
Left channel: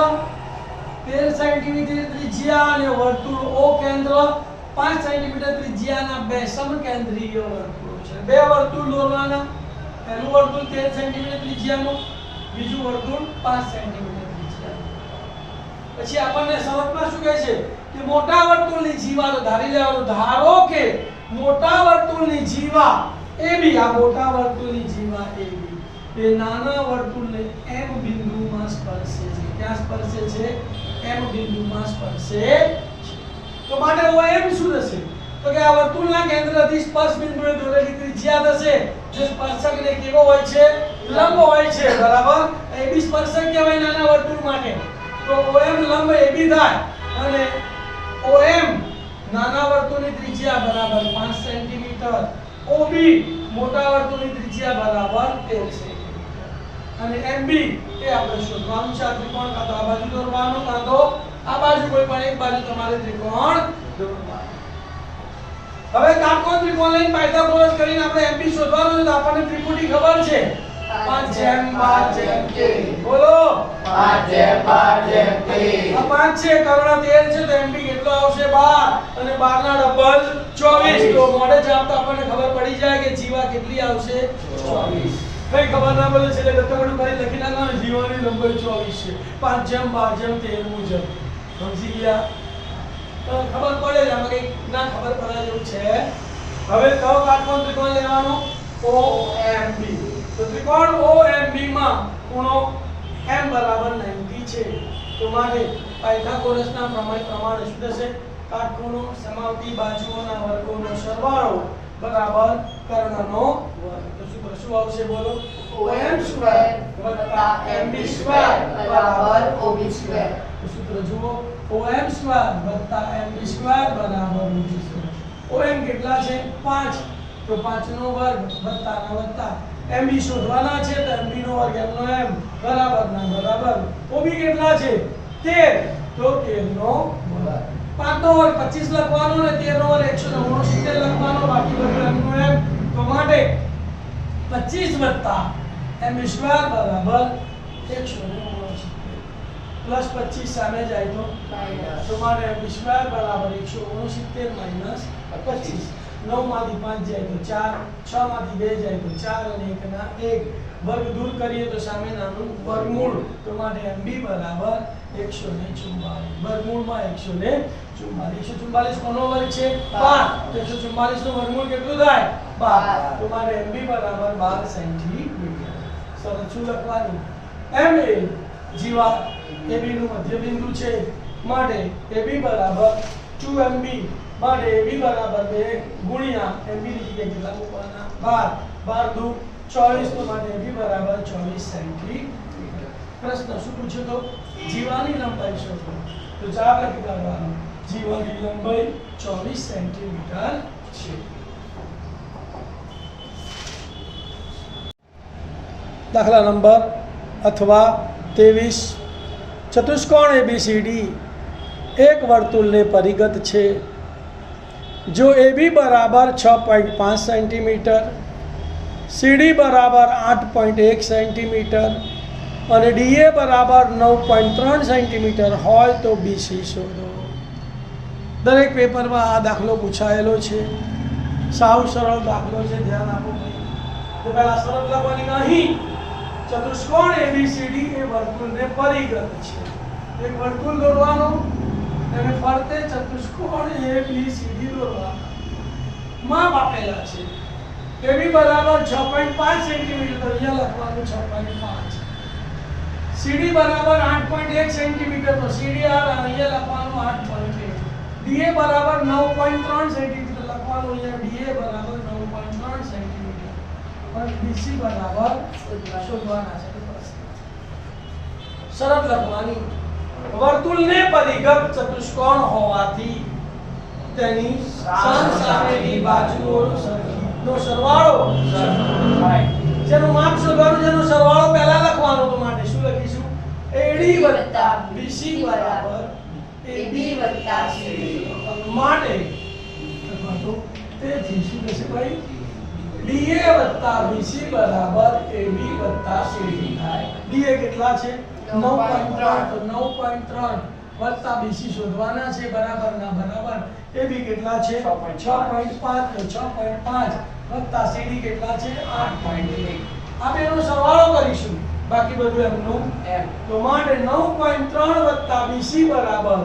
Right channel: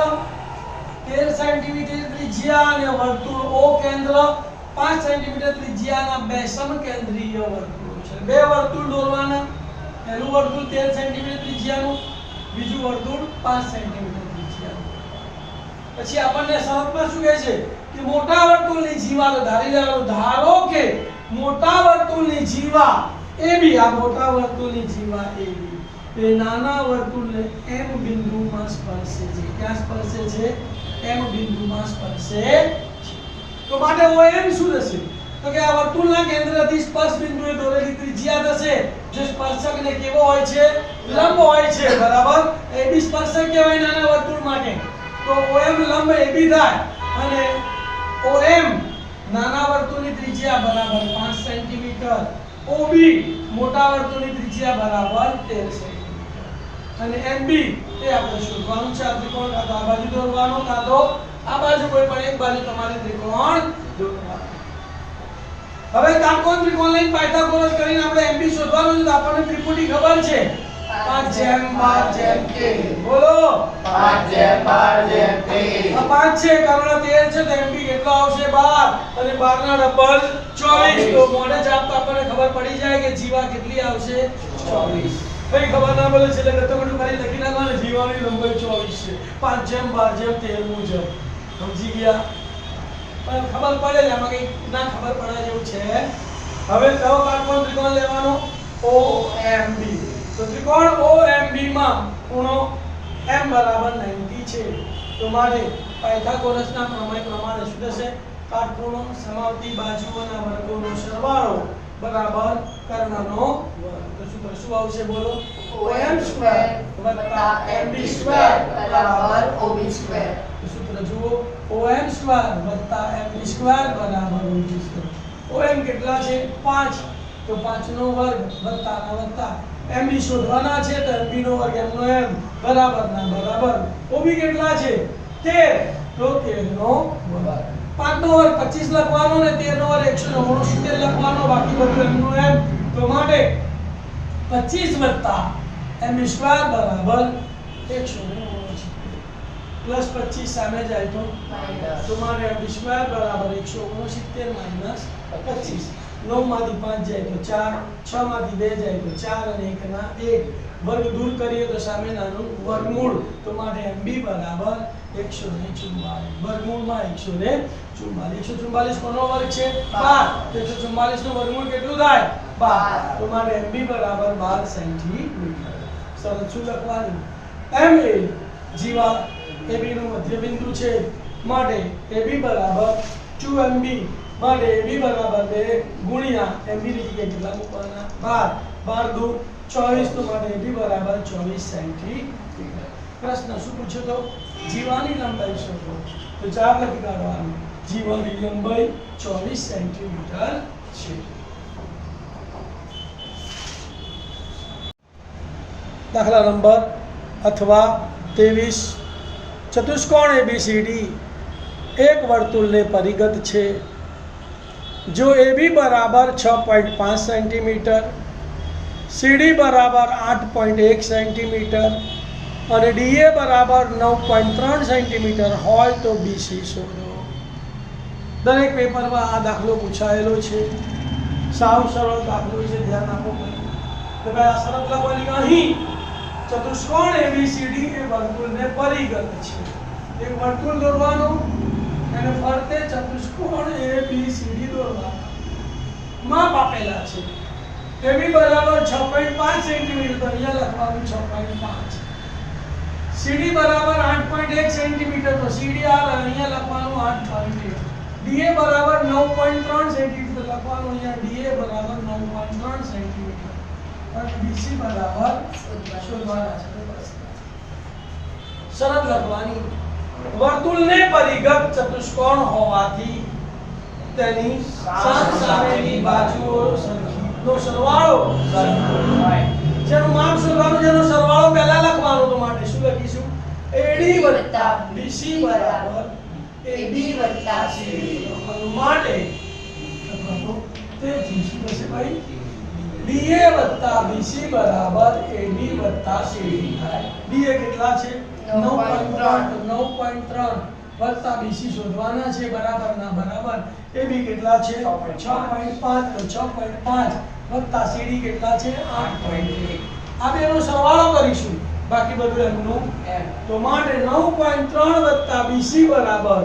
13 સેન્ટીમીટર ત્રિજ્યા અને વર્તુળ O કેન્દ્ર 5 સેન્ટીમીટર ત્રિજ્યાના બે સમકેન્દ્રીય વર્તુળો છે. બે વર્તુળ દોરવાના. પહેલું વર્તુળ 13 સેન્ટીમીટર ત્રિજ્યાનું, બીજું વર્તુળ 5 સેન્ટીમીટર ત્રિજ્યાનું. પછી આપણને શરતમાં શું કહે છે કે મોટા વર્તુળની જીવા ધારી લેવાનું. ધારો કે મોટા વર્તુળની જીવા AB, આ મોટા વર્તુળની જીવા AB એ નાના વર્તુળને M બિંદુમાં સ્પર્શે છે. ક્યાં સ્પર્શે છે? M બિંદુમાં સ્પર્શે છે. તો માટે OM શું થશે? તો કે આ વર્તુળના કેન્દ્રથી સ્પર્શ બિંદુએ દોરેલી ત્રિજ્યા થશે. જો સ્પર્શકને કેવો હોય છે? લંબ હોય છે, બરાબર. AB સ્પર્શક કહેવાય નાના વર્તુળ માટે. તો OM લંબ AB થાય અને OM નાના વર્તુળની ત્રિજ્યા બરાબર 5 સેન્ટીમીટર, OB મોટા વર્તુળની ત્રિજ્યા બરાબર 13 સેન્ટીમીટર અને MB એ આપણે શોધવાનું છે. આ ત્રિકોણ કાં તો આ બાજુ દોરવાનો કાં તો આ બાજુ, કોઈ પણ એક બાજુ તમારે ત્રિકોણ દોરવાનો. હવે કાટકોણ ત્રિકોણ લઈને પાયથાગોરસ કરીને આપણે MB શોધવાનું છે. તો આપણને ત્રિપુટી ખબર છે 5/12 કે. બોલો 5/12 કે. આ 5 છે, કર્ણ 13 છે, તો MB કેટલો આવશે 12 અને 12 ના ડબલ 24. તો મોડે જ આપતા આપણને ખબર પડી જાય કે જીવા કેટલી આવશે 24. ભાઈ ખબર ના પડે છે એટલે તમે ખાલી લખી નાખો, જીવાની લંબાઈ 24 છે 5/12 મુજબ. સમજી ગયા? ખબર પડે છે, આમાં કઈ ના ખબર પડે જેવું છે. હવે કયો કાટકોણ ત્રિકોણ લેવાનો? OMB. તો ત્રિકોણ OMB માં ખૂણો M બરાબર 90 છે. તો માટે પાયથાગોરસના પ્રમેય પ્રમાણે શું થશે? કાટખૂણો સમાવતી બાજુઓના વર્ગોનો સરવાળો બરાબર કર્ણનો વર્ગ. તો શું આવશે બોલો? OM સ્ક્વેર વત્તા MB સ્ક્વેર બરાબર OB સ્ક્વેર. તો સૂત્ર જુઓ, OM સ્ક્વેર વત્તા MB સ્ક્વેર બરાબર OB સ્ક્વેર. OM કેટલા છે 5, તો 5 નો વર્ગ વત્તા ના વત્તા. MB શોધવાના છે તો MB નો વર્ગ M નો M બરાબર ના બરાબર. OB કેટલા છે 13, તો 13 નો વર્ગ. 5 નો વર્ગ 25 લખવાનો ને 13 નો વર્ગ 169 લખવાનો, બાકી બધું M નો M. તો માટે 25 વત્તા MB સ્ક્વેર બરાબર 169 પ્લસ 25 સામે જાય તો તમારે MB સ્ક્વેર બરાબર 169 માઈનસ 25. 9 માંથી 5 જાય તો 4, 6 માંથી 2 જાય તો 4 અને 1 ના 1. વર્ગ દૂર કરીએ તો સામે નાનું વર્ગમૂળ. તો માટે MB બરાબર 144. વર્ગમૂળમાં 144. 144 કોનો વર્ગ છે 12. તો 144 નું વર્ગમૂળ કેટલું થાય 12. તો માટે MB બરાબર 12 સેન્ટીમીટર. સરસ શું લખવાનું? M એ જીવા AB નું મધ્ય બિંદુ છે માટે AB બરાબર 2MB. માટે AB બરાબર 2 ગુણ્યા MB ની જગ્યાએ કેટલા મૂકવાના 12. 12 દુ 24. તો માટે AB બરાબર 24 સેન્ટીમીટર. પ્રશ્ન શું પૂછ્યો તો? જીવાની લંબાઈ શોધો. તો જવાબ લખી કાઢવાનો. જીવાની લંબાઈ 24 સેન્ટીમીટર છે. દાખલા નંબર અથવા 23. ચતુષ્કોણ ABCD એક વર્તુળને પરિગત છે. જો AB બરાબર 6.5 સેન્ટીમીટર, CD બરાબર 8.1 સેન્ટીમીટર અને DA બરાબર 9.3 સેન્ટીમીટર હોય તો BC શોધો. દરેક પેપરમાં આ દાખલો પૂછાયેલો છે. સાવ સરળ દાખલો છે, ધ્યાન આપો. તો પહેલા શરત લખવાની. અહીં ચતુષ્કોણ ABCD એ વર્તુળને પરિગત છે. એક વર્તુળ દોરવાનું અને ફરતે ચતુષ્કોણ ABCD દોરવાનું. માપ આપેલા છે. AB બરાબર 6.5 સેન્ટીમીટર, તો અહીંયા લખવાનું 6.5. CD બરાબર 8.1 સેન્ટીમીટર, તો CDR અહીંયા લખવાનું 8.1. DA બરાબર 9.3 સેન્ટીમીટર, લખવાનું અહીંયા DA બરાબર 9.3 સેન્ટીમીટર. અને BC બરાબર શોધવાના છે. શરત લખવાની. વર્તુળને પરિગત ચતુષ્કોણ હોવાથી તેની સામેની બાજુઓનો સરવાળો જેનું માપ શોધવાનું, જેનો સરવાળો પહેલા લખવાનો. તો માટે શું લખીશું? AD વત્તા BC બરાબર AB વત્તા CD. માટે તેથી શું થશે ભાઈ? DA વત્તા BC બરાબર AB વત્તા CD થાય. DA કેટલા છે 9.3, તો 9.3 વત્તા BC શોધવાના છે બરાબર ના બરાબર. AB કેટલા છે 6.5, તો 6.5 વત્તા CD કેટલા છે 8.1. આ બેનો સરવાળો કરીશું, બાકી બધું એમનું M. તો માટે 9.3 વત્તા BC બરાબર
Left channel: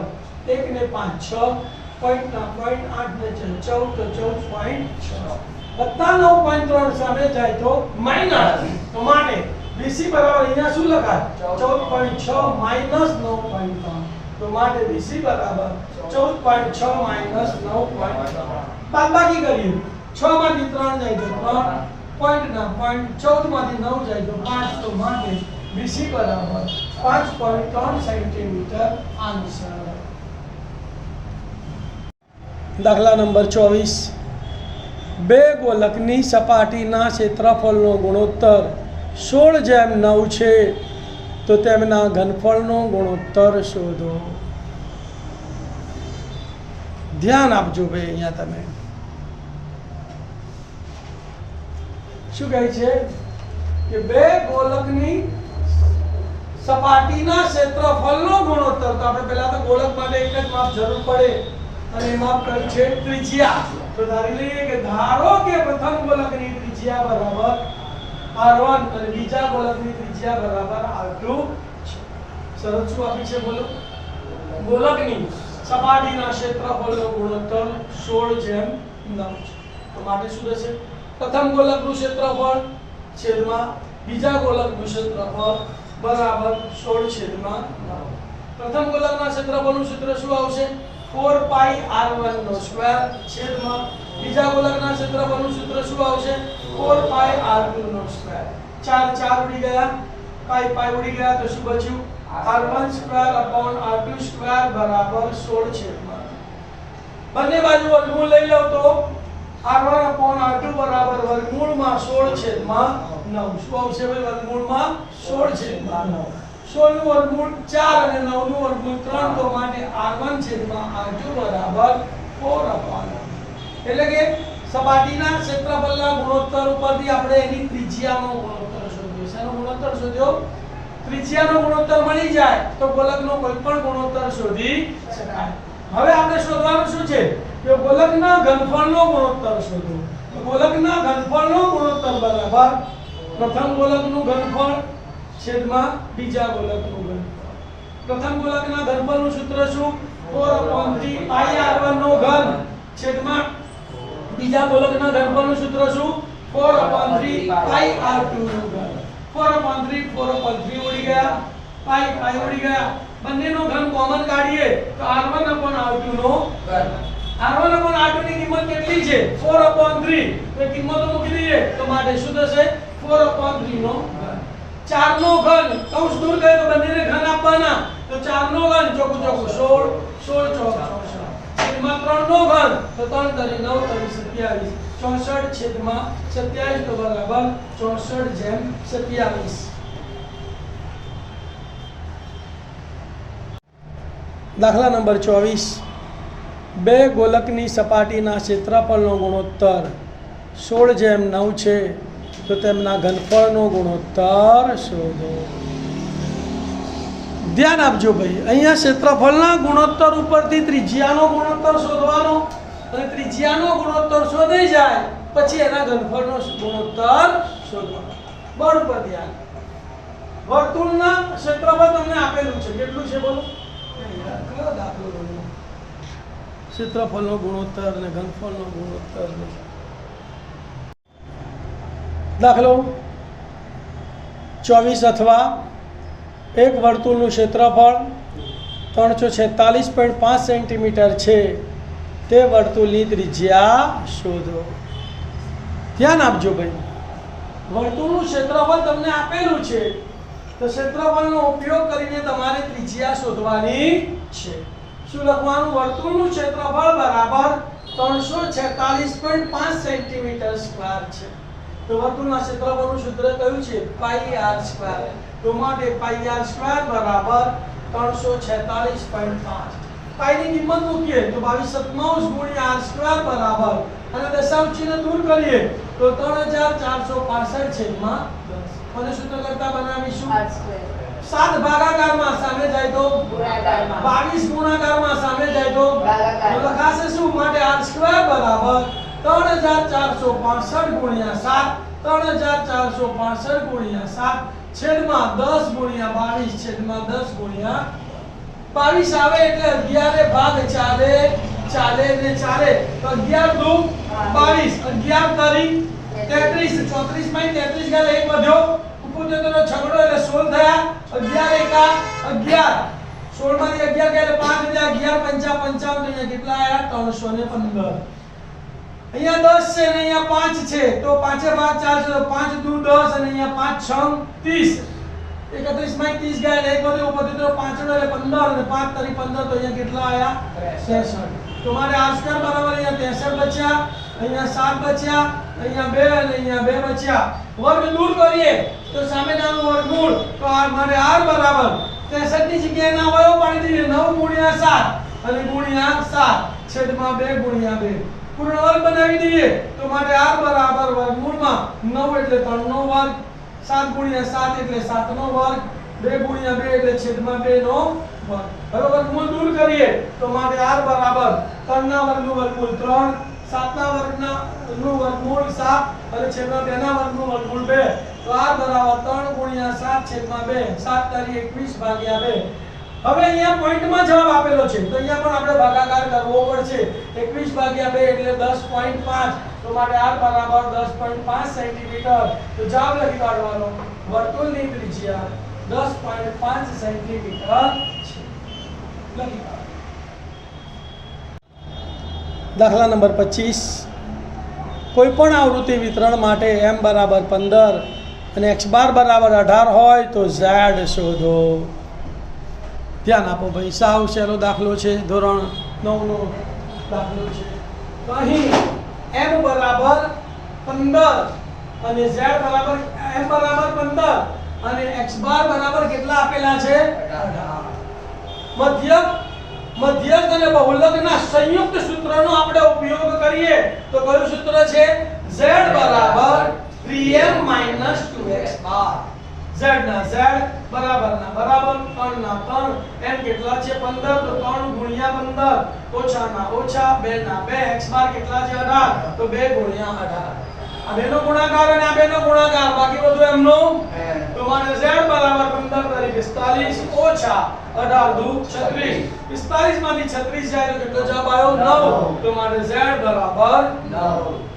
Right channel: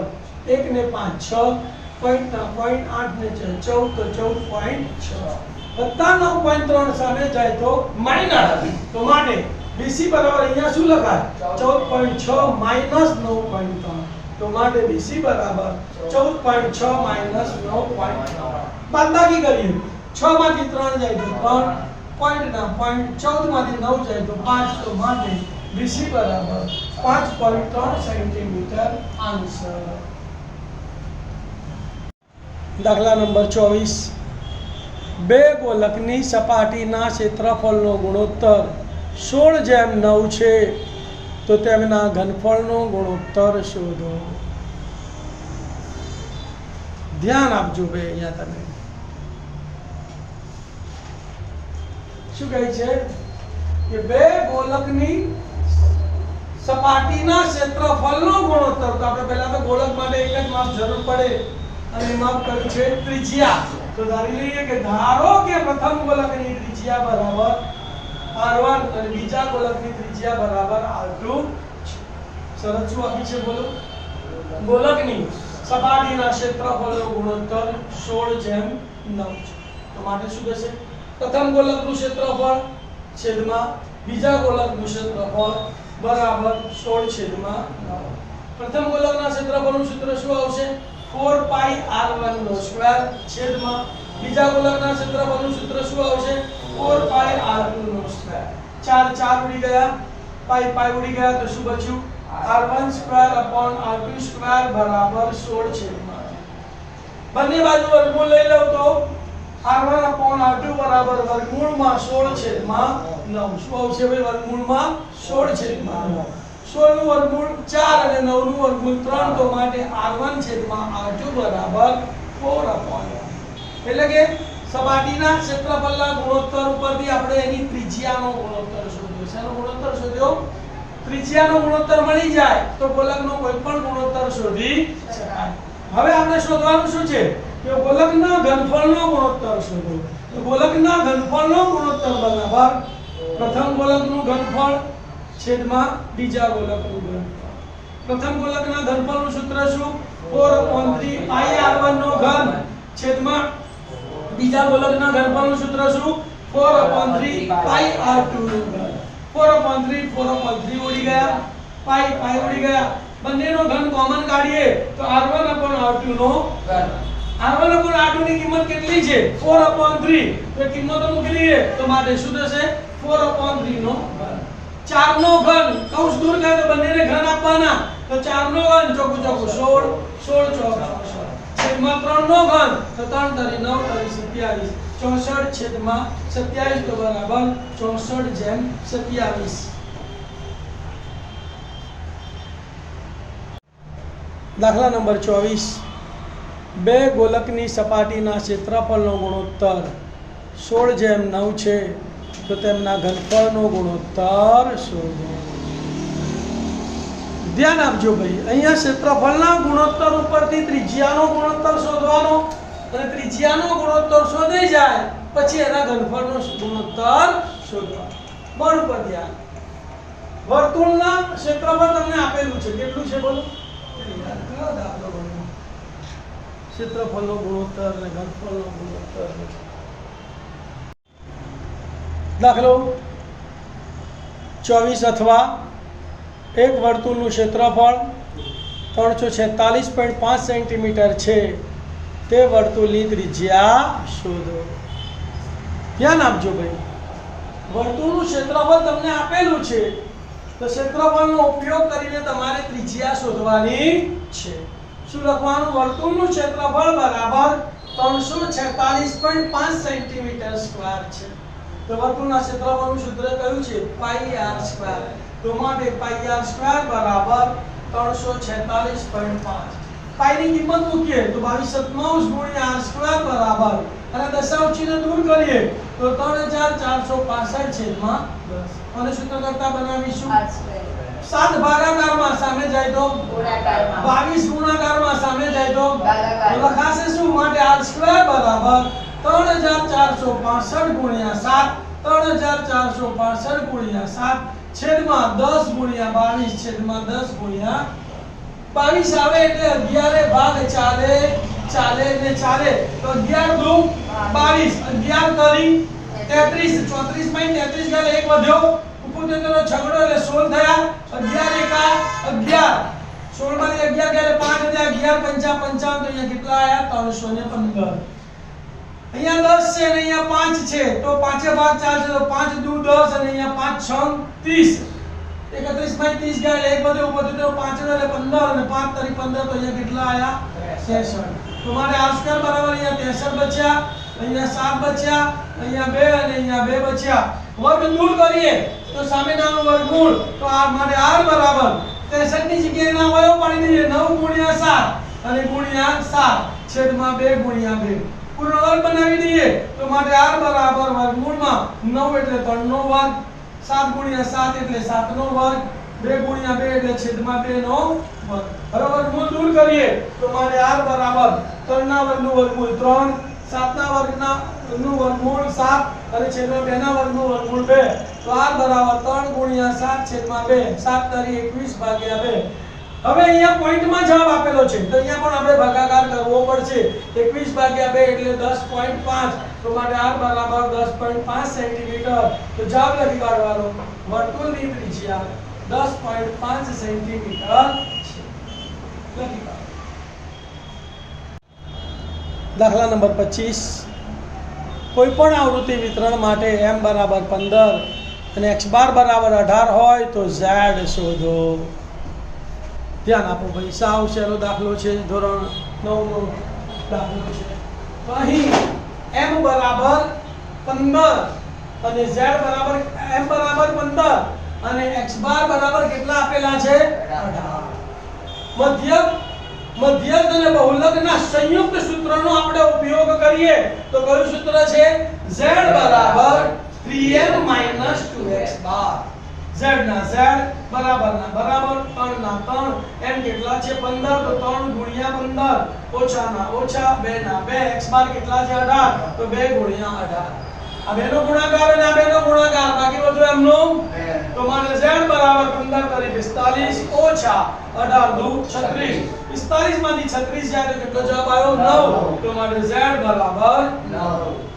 1 ને 5 6, પોઈન્ટ ના પોઈન્ટ 8 ને 14, તો 14.6 વત્તા 9.3 સામે જાય તો માઈનસ. તો માટે BC બરાબર અહીંયા શું લખાય 14.6 માઈનસ 9.3. તો માટે BC બરાબર 14.6 માઈનસ 9.3. બાદબાકી કરીએ. 6 માંથી 3 જાય તો 3, પોઈન્ટ ના પોઈન્ટ 14 માંથી 9 જાય તો 5. તો માટે BC બરાબર 5.3 સેન્ટીમીટર આન્સર. દાખલા નંબર 24. બે ગોલકની સપાટીના ક્ષેત્રફળનો ગુણોત્તર 16:9 છે, તો તેમના ઘનફળનો ગુણોત્તર શોધો. ધ્યાન આપજો ભાઈ, અહીંયા તમે શું કહે છે કે બે ગોલકની સપાટીના ક્ષેત્રફળનો ગુણોત્તર. તો આપણે પહેલા તો ગોલક માટે એક જ માપ જરૂર પડે, અને માપ કયું છે? ત્રિજ્યા. તો ધારી લઈએ કે ધારો કે પ્રથમ ગોલકની ત્રિજ્યા બરાબર r1 અને બીજા ગોલકની ત્રિજ્યા બરાબર r2 છે. શરત શું આપી છે બોલો? ગોલકની સપાટીના ક્ષેત્રફળનો ગુણોત્તર 16:9 છે. તો માટે શું થશે? પ્રથમ ગોલકનું ક્ષેત્રફળ છેદમાં બીજા ગોલકનું ક્ષેત્રફળ બરાબર 16/9. પ્રથમ ગોલકના ક્ષેત્રફળનું સૂત્ર શું આવશે? 4πr1² છેદમાં બીજા ગોલકના ક્ષેત્રફળનું સૂત્ર શું આવશે? 4πr2². 4 ઉડી ગયા, પાઈ ઉડી ગયા, તો શું બચ્યું? r1²/r2² બરાબર 16/9. બંને બાજુ વર્ગમૂળ લઈ લઉં તો r1/r2 બરાબર વર્ગમૂળમાં 16/9. શું આવશે ભાઈ? વર્ગમૂળમાં 16/9. 16 નું વર્ગમૂળ 4 અને 9 નું વર્ગમૂળ 3, તો માટે r1/r2 બરાબર 4/9. એટલે કે સપાટીના ક્ષેત્રફળના ગુણોત્તર ઉપરથી આપણે એની ત્રિજ્યાનો ગુણોત્તર શોધ્યો. શેનો ગુણોત્તર શોધ્યો? ત્રિજ્યાનો ગુણોત્તર મળી જાય તો ગોલકનો કોઈ પણ ગુણોત્તર શોધી શકાય. હવે આપણે શોધવાનું શું છે? કે ગોલકના ઘનફળનો ગુણોત્તર શોધો. તો ગોલકના ઘનફળનો ગુણોત્તર બરાબર પ્રથમ ગોલકનું ઘનફળ છેદમાં બીજા ગોલકનું ઘનફળ. પ્રથમ ગોલકના ઘનફળનું સૂત્ર શું? 4/3πr1 નો ઘન છેદમાં બીજા ગોલકના ઘનફળનું સૂત્ર શું? 4/3πr2 નો ઘન. 4/3 ઉડી ગયા, પાઈ ઉડી ગયા, બંનેનો ઘન કોમન કાઢીએ તો r1/r2 નો ઘન. r1/r2 ની કિંમત કેટલી છે? 4/3. તો કિંમતો મૂકી દઈએ તો માટે શું થશે? 4/3 નો ઘન. 4 નો ઘન કૌંસ દૂર કરે તો બંનેને ઘન આપવાના, તો 4 નો ઘન ચોકું 16, 16 ચોક 64. છેદમાં 3 નો ઘન તો 3 તરી 9 તરી 27, 64 છેદમાં 27 તો બરાબર 64/27. દાખલા નંબર 24. બે ગોલકની સપાટીના ક્ષેત્રફળનો ગુણોત્તર 16:9 છે, તો તેમના ઘનફળનો ગુણોત્તર શોધો. ધ્યાન આપજો ભાઈ, અહીંયા ક્ષેત્રફળના ગુણોત્તર ઉપરથી ત્રિજ્યાનો ગુણોત્તર શોધવાનો, અને ત્રિજ્યાનો ગુણોત્તર શોધી જાય પછી એના ઘનફળનો ગુણોત્તર શોધવાનો. બોર્ડ ઉપર ધ્યાન. વર્તુળના ક્ષેત્રફળ તમને આપેલું છે, કેટલું છે બોલો? કયો દાખલો બન્યો? ક્ષેત્રફળનો ગુણોત્તર અને ઘનફળનો ગુણોત્તર. દાખલો 24. અથવા એક વર્તુળનું ક્ષેત્રફળ 346.5 સેન્ટીમીટર છે, તે વર્તુળની ત્રિજ્યા શોધો. ધ્યાન આપજો ભાઈ, વર્તુળનું ક્ષેત્રફળ તમને આપેલું છે, તો ક્ષેત્રફળનો ઉપયોગ કરીને તમારે ત્રિજ્યા શોધવાની છે. શું લખવાનું? વર્તુળનું ક્ષેત્રફળ બરાબર 346.5 સેન્ટીમીટર સ્ક્વેર છે. તો વર્તુળના ક્ષેત્રફળનું સૂત્ર કયું છે? πr². તો માટે πr² બરાબર 346.5. પાઈની કિંમત મૂકીએ તો 22/97 બરાબર, અને દશાંશ ચિહ્ન દૂર કરીએ તો 3465 છેદમાં 10. અને સૂત્ર કરતા બનાવીશું 7 ભાગાકારમાં સામે જાય તો ગુણાકારમાં, 22 ગુણાકારમાં સામે જાય તો ભાગાકાર. લખાશે શું? માટે r² બરાબર 3465 ગુણ્યા 7, 3465 ગુણ્યા 7 છેદમાં 10 ગુણ્યા 22 છેદમાં 10 ગુણ્યા 22 આવે એટલે 11 ભાગ ચાલે ને ચાલે, તો 11 દુ 22, 11 તરી 33, 34/33 ગાલે 1 વધ્યો, ઉપર તેનો છગડો એટલે 16 થયા, 11 એકા 11, 16 માંથી 11 ગયા એટલે 5 વધ્યા, 11 પંચા 55, તો અહીંયા કેટલા આયા? 315. અહીંયા 10 છે અને અહીંયા 5 છે, તો 5 ભાગ 4 છે, તો 5 દુ 10 અને અહીંયા 5 6 30. 31 માં 30 ગયા એટલે એક વધે ઉપર તો 5 એટલે 15 અને 5 તરી 15 તો અહીંયા કેટલા આયા 63 તો મારે r સ્ક્વેર બરાબર અહીંયા 63 બચ્યા અહીંયા 7 બચ્યા અહીંયા 2 અને અહીંયા 2 બચ્યા વર્ગ દૂર કરીએ તો સામેનાનું વર્ગમૂળ તો આ મારે r બરાબર 63 ની જગ્યાએ ના હોય પાડી દઈએ 9 ગુણ્યા 7 અને ગુણ્યા 7 છેદમાં 2 ગુણ્યા 2 પૂર્ણ વર્ગ બનાવી દઈએ તો મારે r બરાબર વર્ગમૂળમાં 9 એટલે 3 નો વર્ગ 7 ગુણ્યા 7 એટલે 7 નો વર્ગ 2 ગુણ્યા 2 એટલે છેદમાં 2 નો વર્ગ હવે વર્ગમૂળ દૂર કરીએ તો મારે r બરાબર 3 ના વર્ગનું વર્ગમૂળ 3 7 ના વર્ગનું વર્ગમૂળ 7 અને છેદમાં 2 ના વર્ગનું વર્ગમૂળ 2 તો r બરાબર 3 ગુણ્યા 7 છેદમાં 2 7 તારી 21 ભાગ્યા 2 હવે અહીંયા પોઈન્ટમાં જવાબ આપેલો છે તો અહીંયા પણ આપણે ભાગાકાર કરવો પડશે 21 ભાગ્યા 2 એટલે 10.5 તો મારે r બરાબર 10.5 સેન્ટીમીટર તો જવાબ લખી કાઢવાનો વર્તુળની ત્રિજ્યા 10.5 સેન્ટીમીટર છે લખી કાઢો દાખલા નંબર 25 કોઈપણ આવૃત્તિ વિતરણ માટે m બરાબર 15 અને x બાર બરાબર 18 હોય તો z શોધો ધ્યાન આપો ભાઈ સાવ સહેલો દાખલો છે ધોરણ 9 નો દાખલો છે તો અહીં m બરાબર 15 અને z બરાબર m બરાબર 15 અને x બાર બરાબર કેટલા આપેલા છે 18 મધ્યક અને બહુલકના સંયુક્ત સૂત્રનો આપણે ઉપયોગ કરીએ તો કયું સૂત્ર છે z બરાબર 3m 2x બાર z ના z બરાબર ના બરાબર 3 ના 3 m કેટલા છે 15 તો 3 ગુણ્યા 15 ઓછા ના ઓછા 2 ના 2 x બાર કેટલા છે 18 તો 2 ગુણ્યા 18 આ બેનો ગુણાકાર અને આ બેનો ગુણાકાર બાકી બધું એમનો તો મારે z બરાબર 15 તારી 45 ઓછા 18 દુ 36 45 માંથી 36 જાય તો કેટલો જવાબ આવ્યો 9 તો મારે z બરાબર 9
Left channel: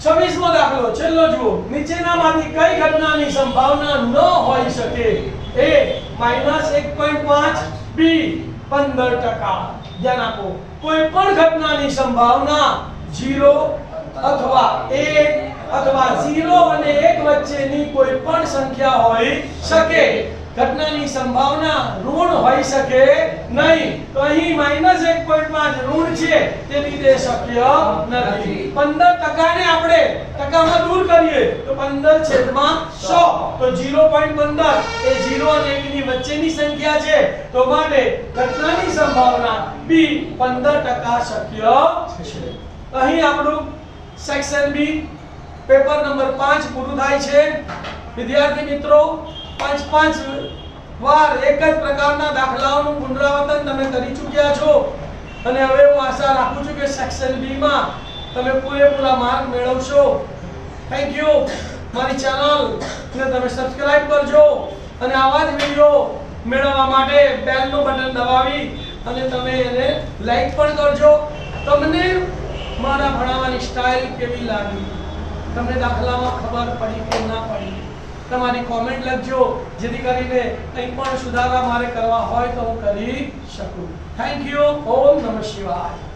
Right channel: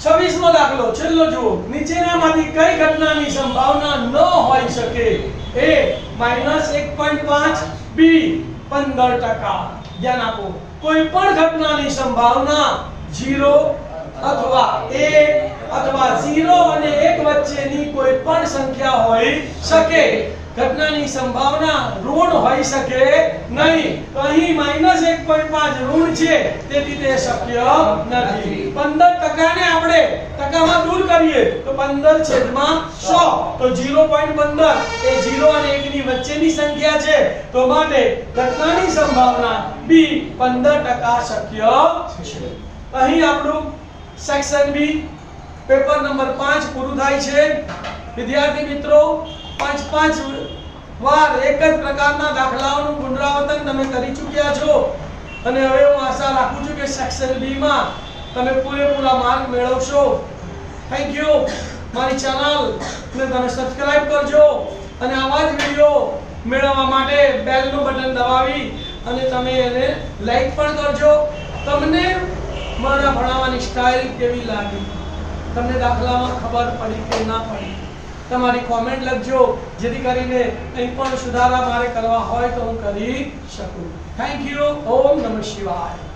26મો દાખલો છેલ્લો જુઓ નીચેનામાંથી કઈ ઘટનાની સંભાવના ન હોઈ શકે a -1.5 b 15% ધ્યાન આપો કોઈ પણ ઘટનાની સંભાવના 0 અથવા a અથવા 0 અને 1 વચ્ચેની કોઈ પણ સંખ્યા હોઈ શકે ઘટનાની સંભાવના ઋણ હોઈ શકે નહીં તો અહીં -1.5 ઋણ છે તેથી તે શક્ય નથી 15% ને આપણે ટકામાં દૂર કરીએ તો 15 છેદમાં 100 તો 0.15 એ 0 અને 1 ની વચ્ચેની સંખ્યા છે તો માટે ઘટનાની સંભાવના b 15% શક્ય છે અહીં આપણું સેક્શન બી પેપર નંબર 5 પૂરું થાય છે વિદ્યાર્થી મિત્રો 5 વાર એક જ પ્રકારના દાખલાઓનું પુનરાવર્તન તમે કરી ચૂક્યા છો અને હવે હું આશા રાખું છું કે સેક્શન બી માં તમે પૂરેપૂરા માર્ક મેળવશો થેન્ક યુ મારી ચેનલ ને તમે સબસ્ક્રાઇબ કરજો અને આવા જ વિડિયો મેળવવા માટે બેલ નું બટન દબાવી અને તમે એને લાઈક પણ કરજો તમને મારા ભણાવવાની સ્ટાઇલ કેવી લાગી તમને દાખલામાં ખબર પડી કે ના પડી તમારી કોમેન્ટ લખજો જેથી કરીને કંઈ પણ સુધારા મારે કરવા હોય તો હું કરી શકું થેન્ક યુ ઓમ નમઃ શિવાય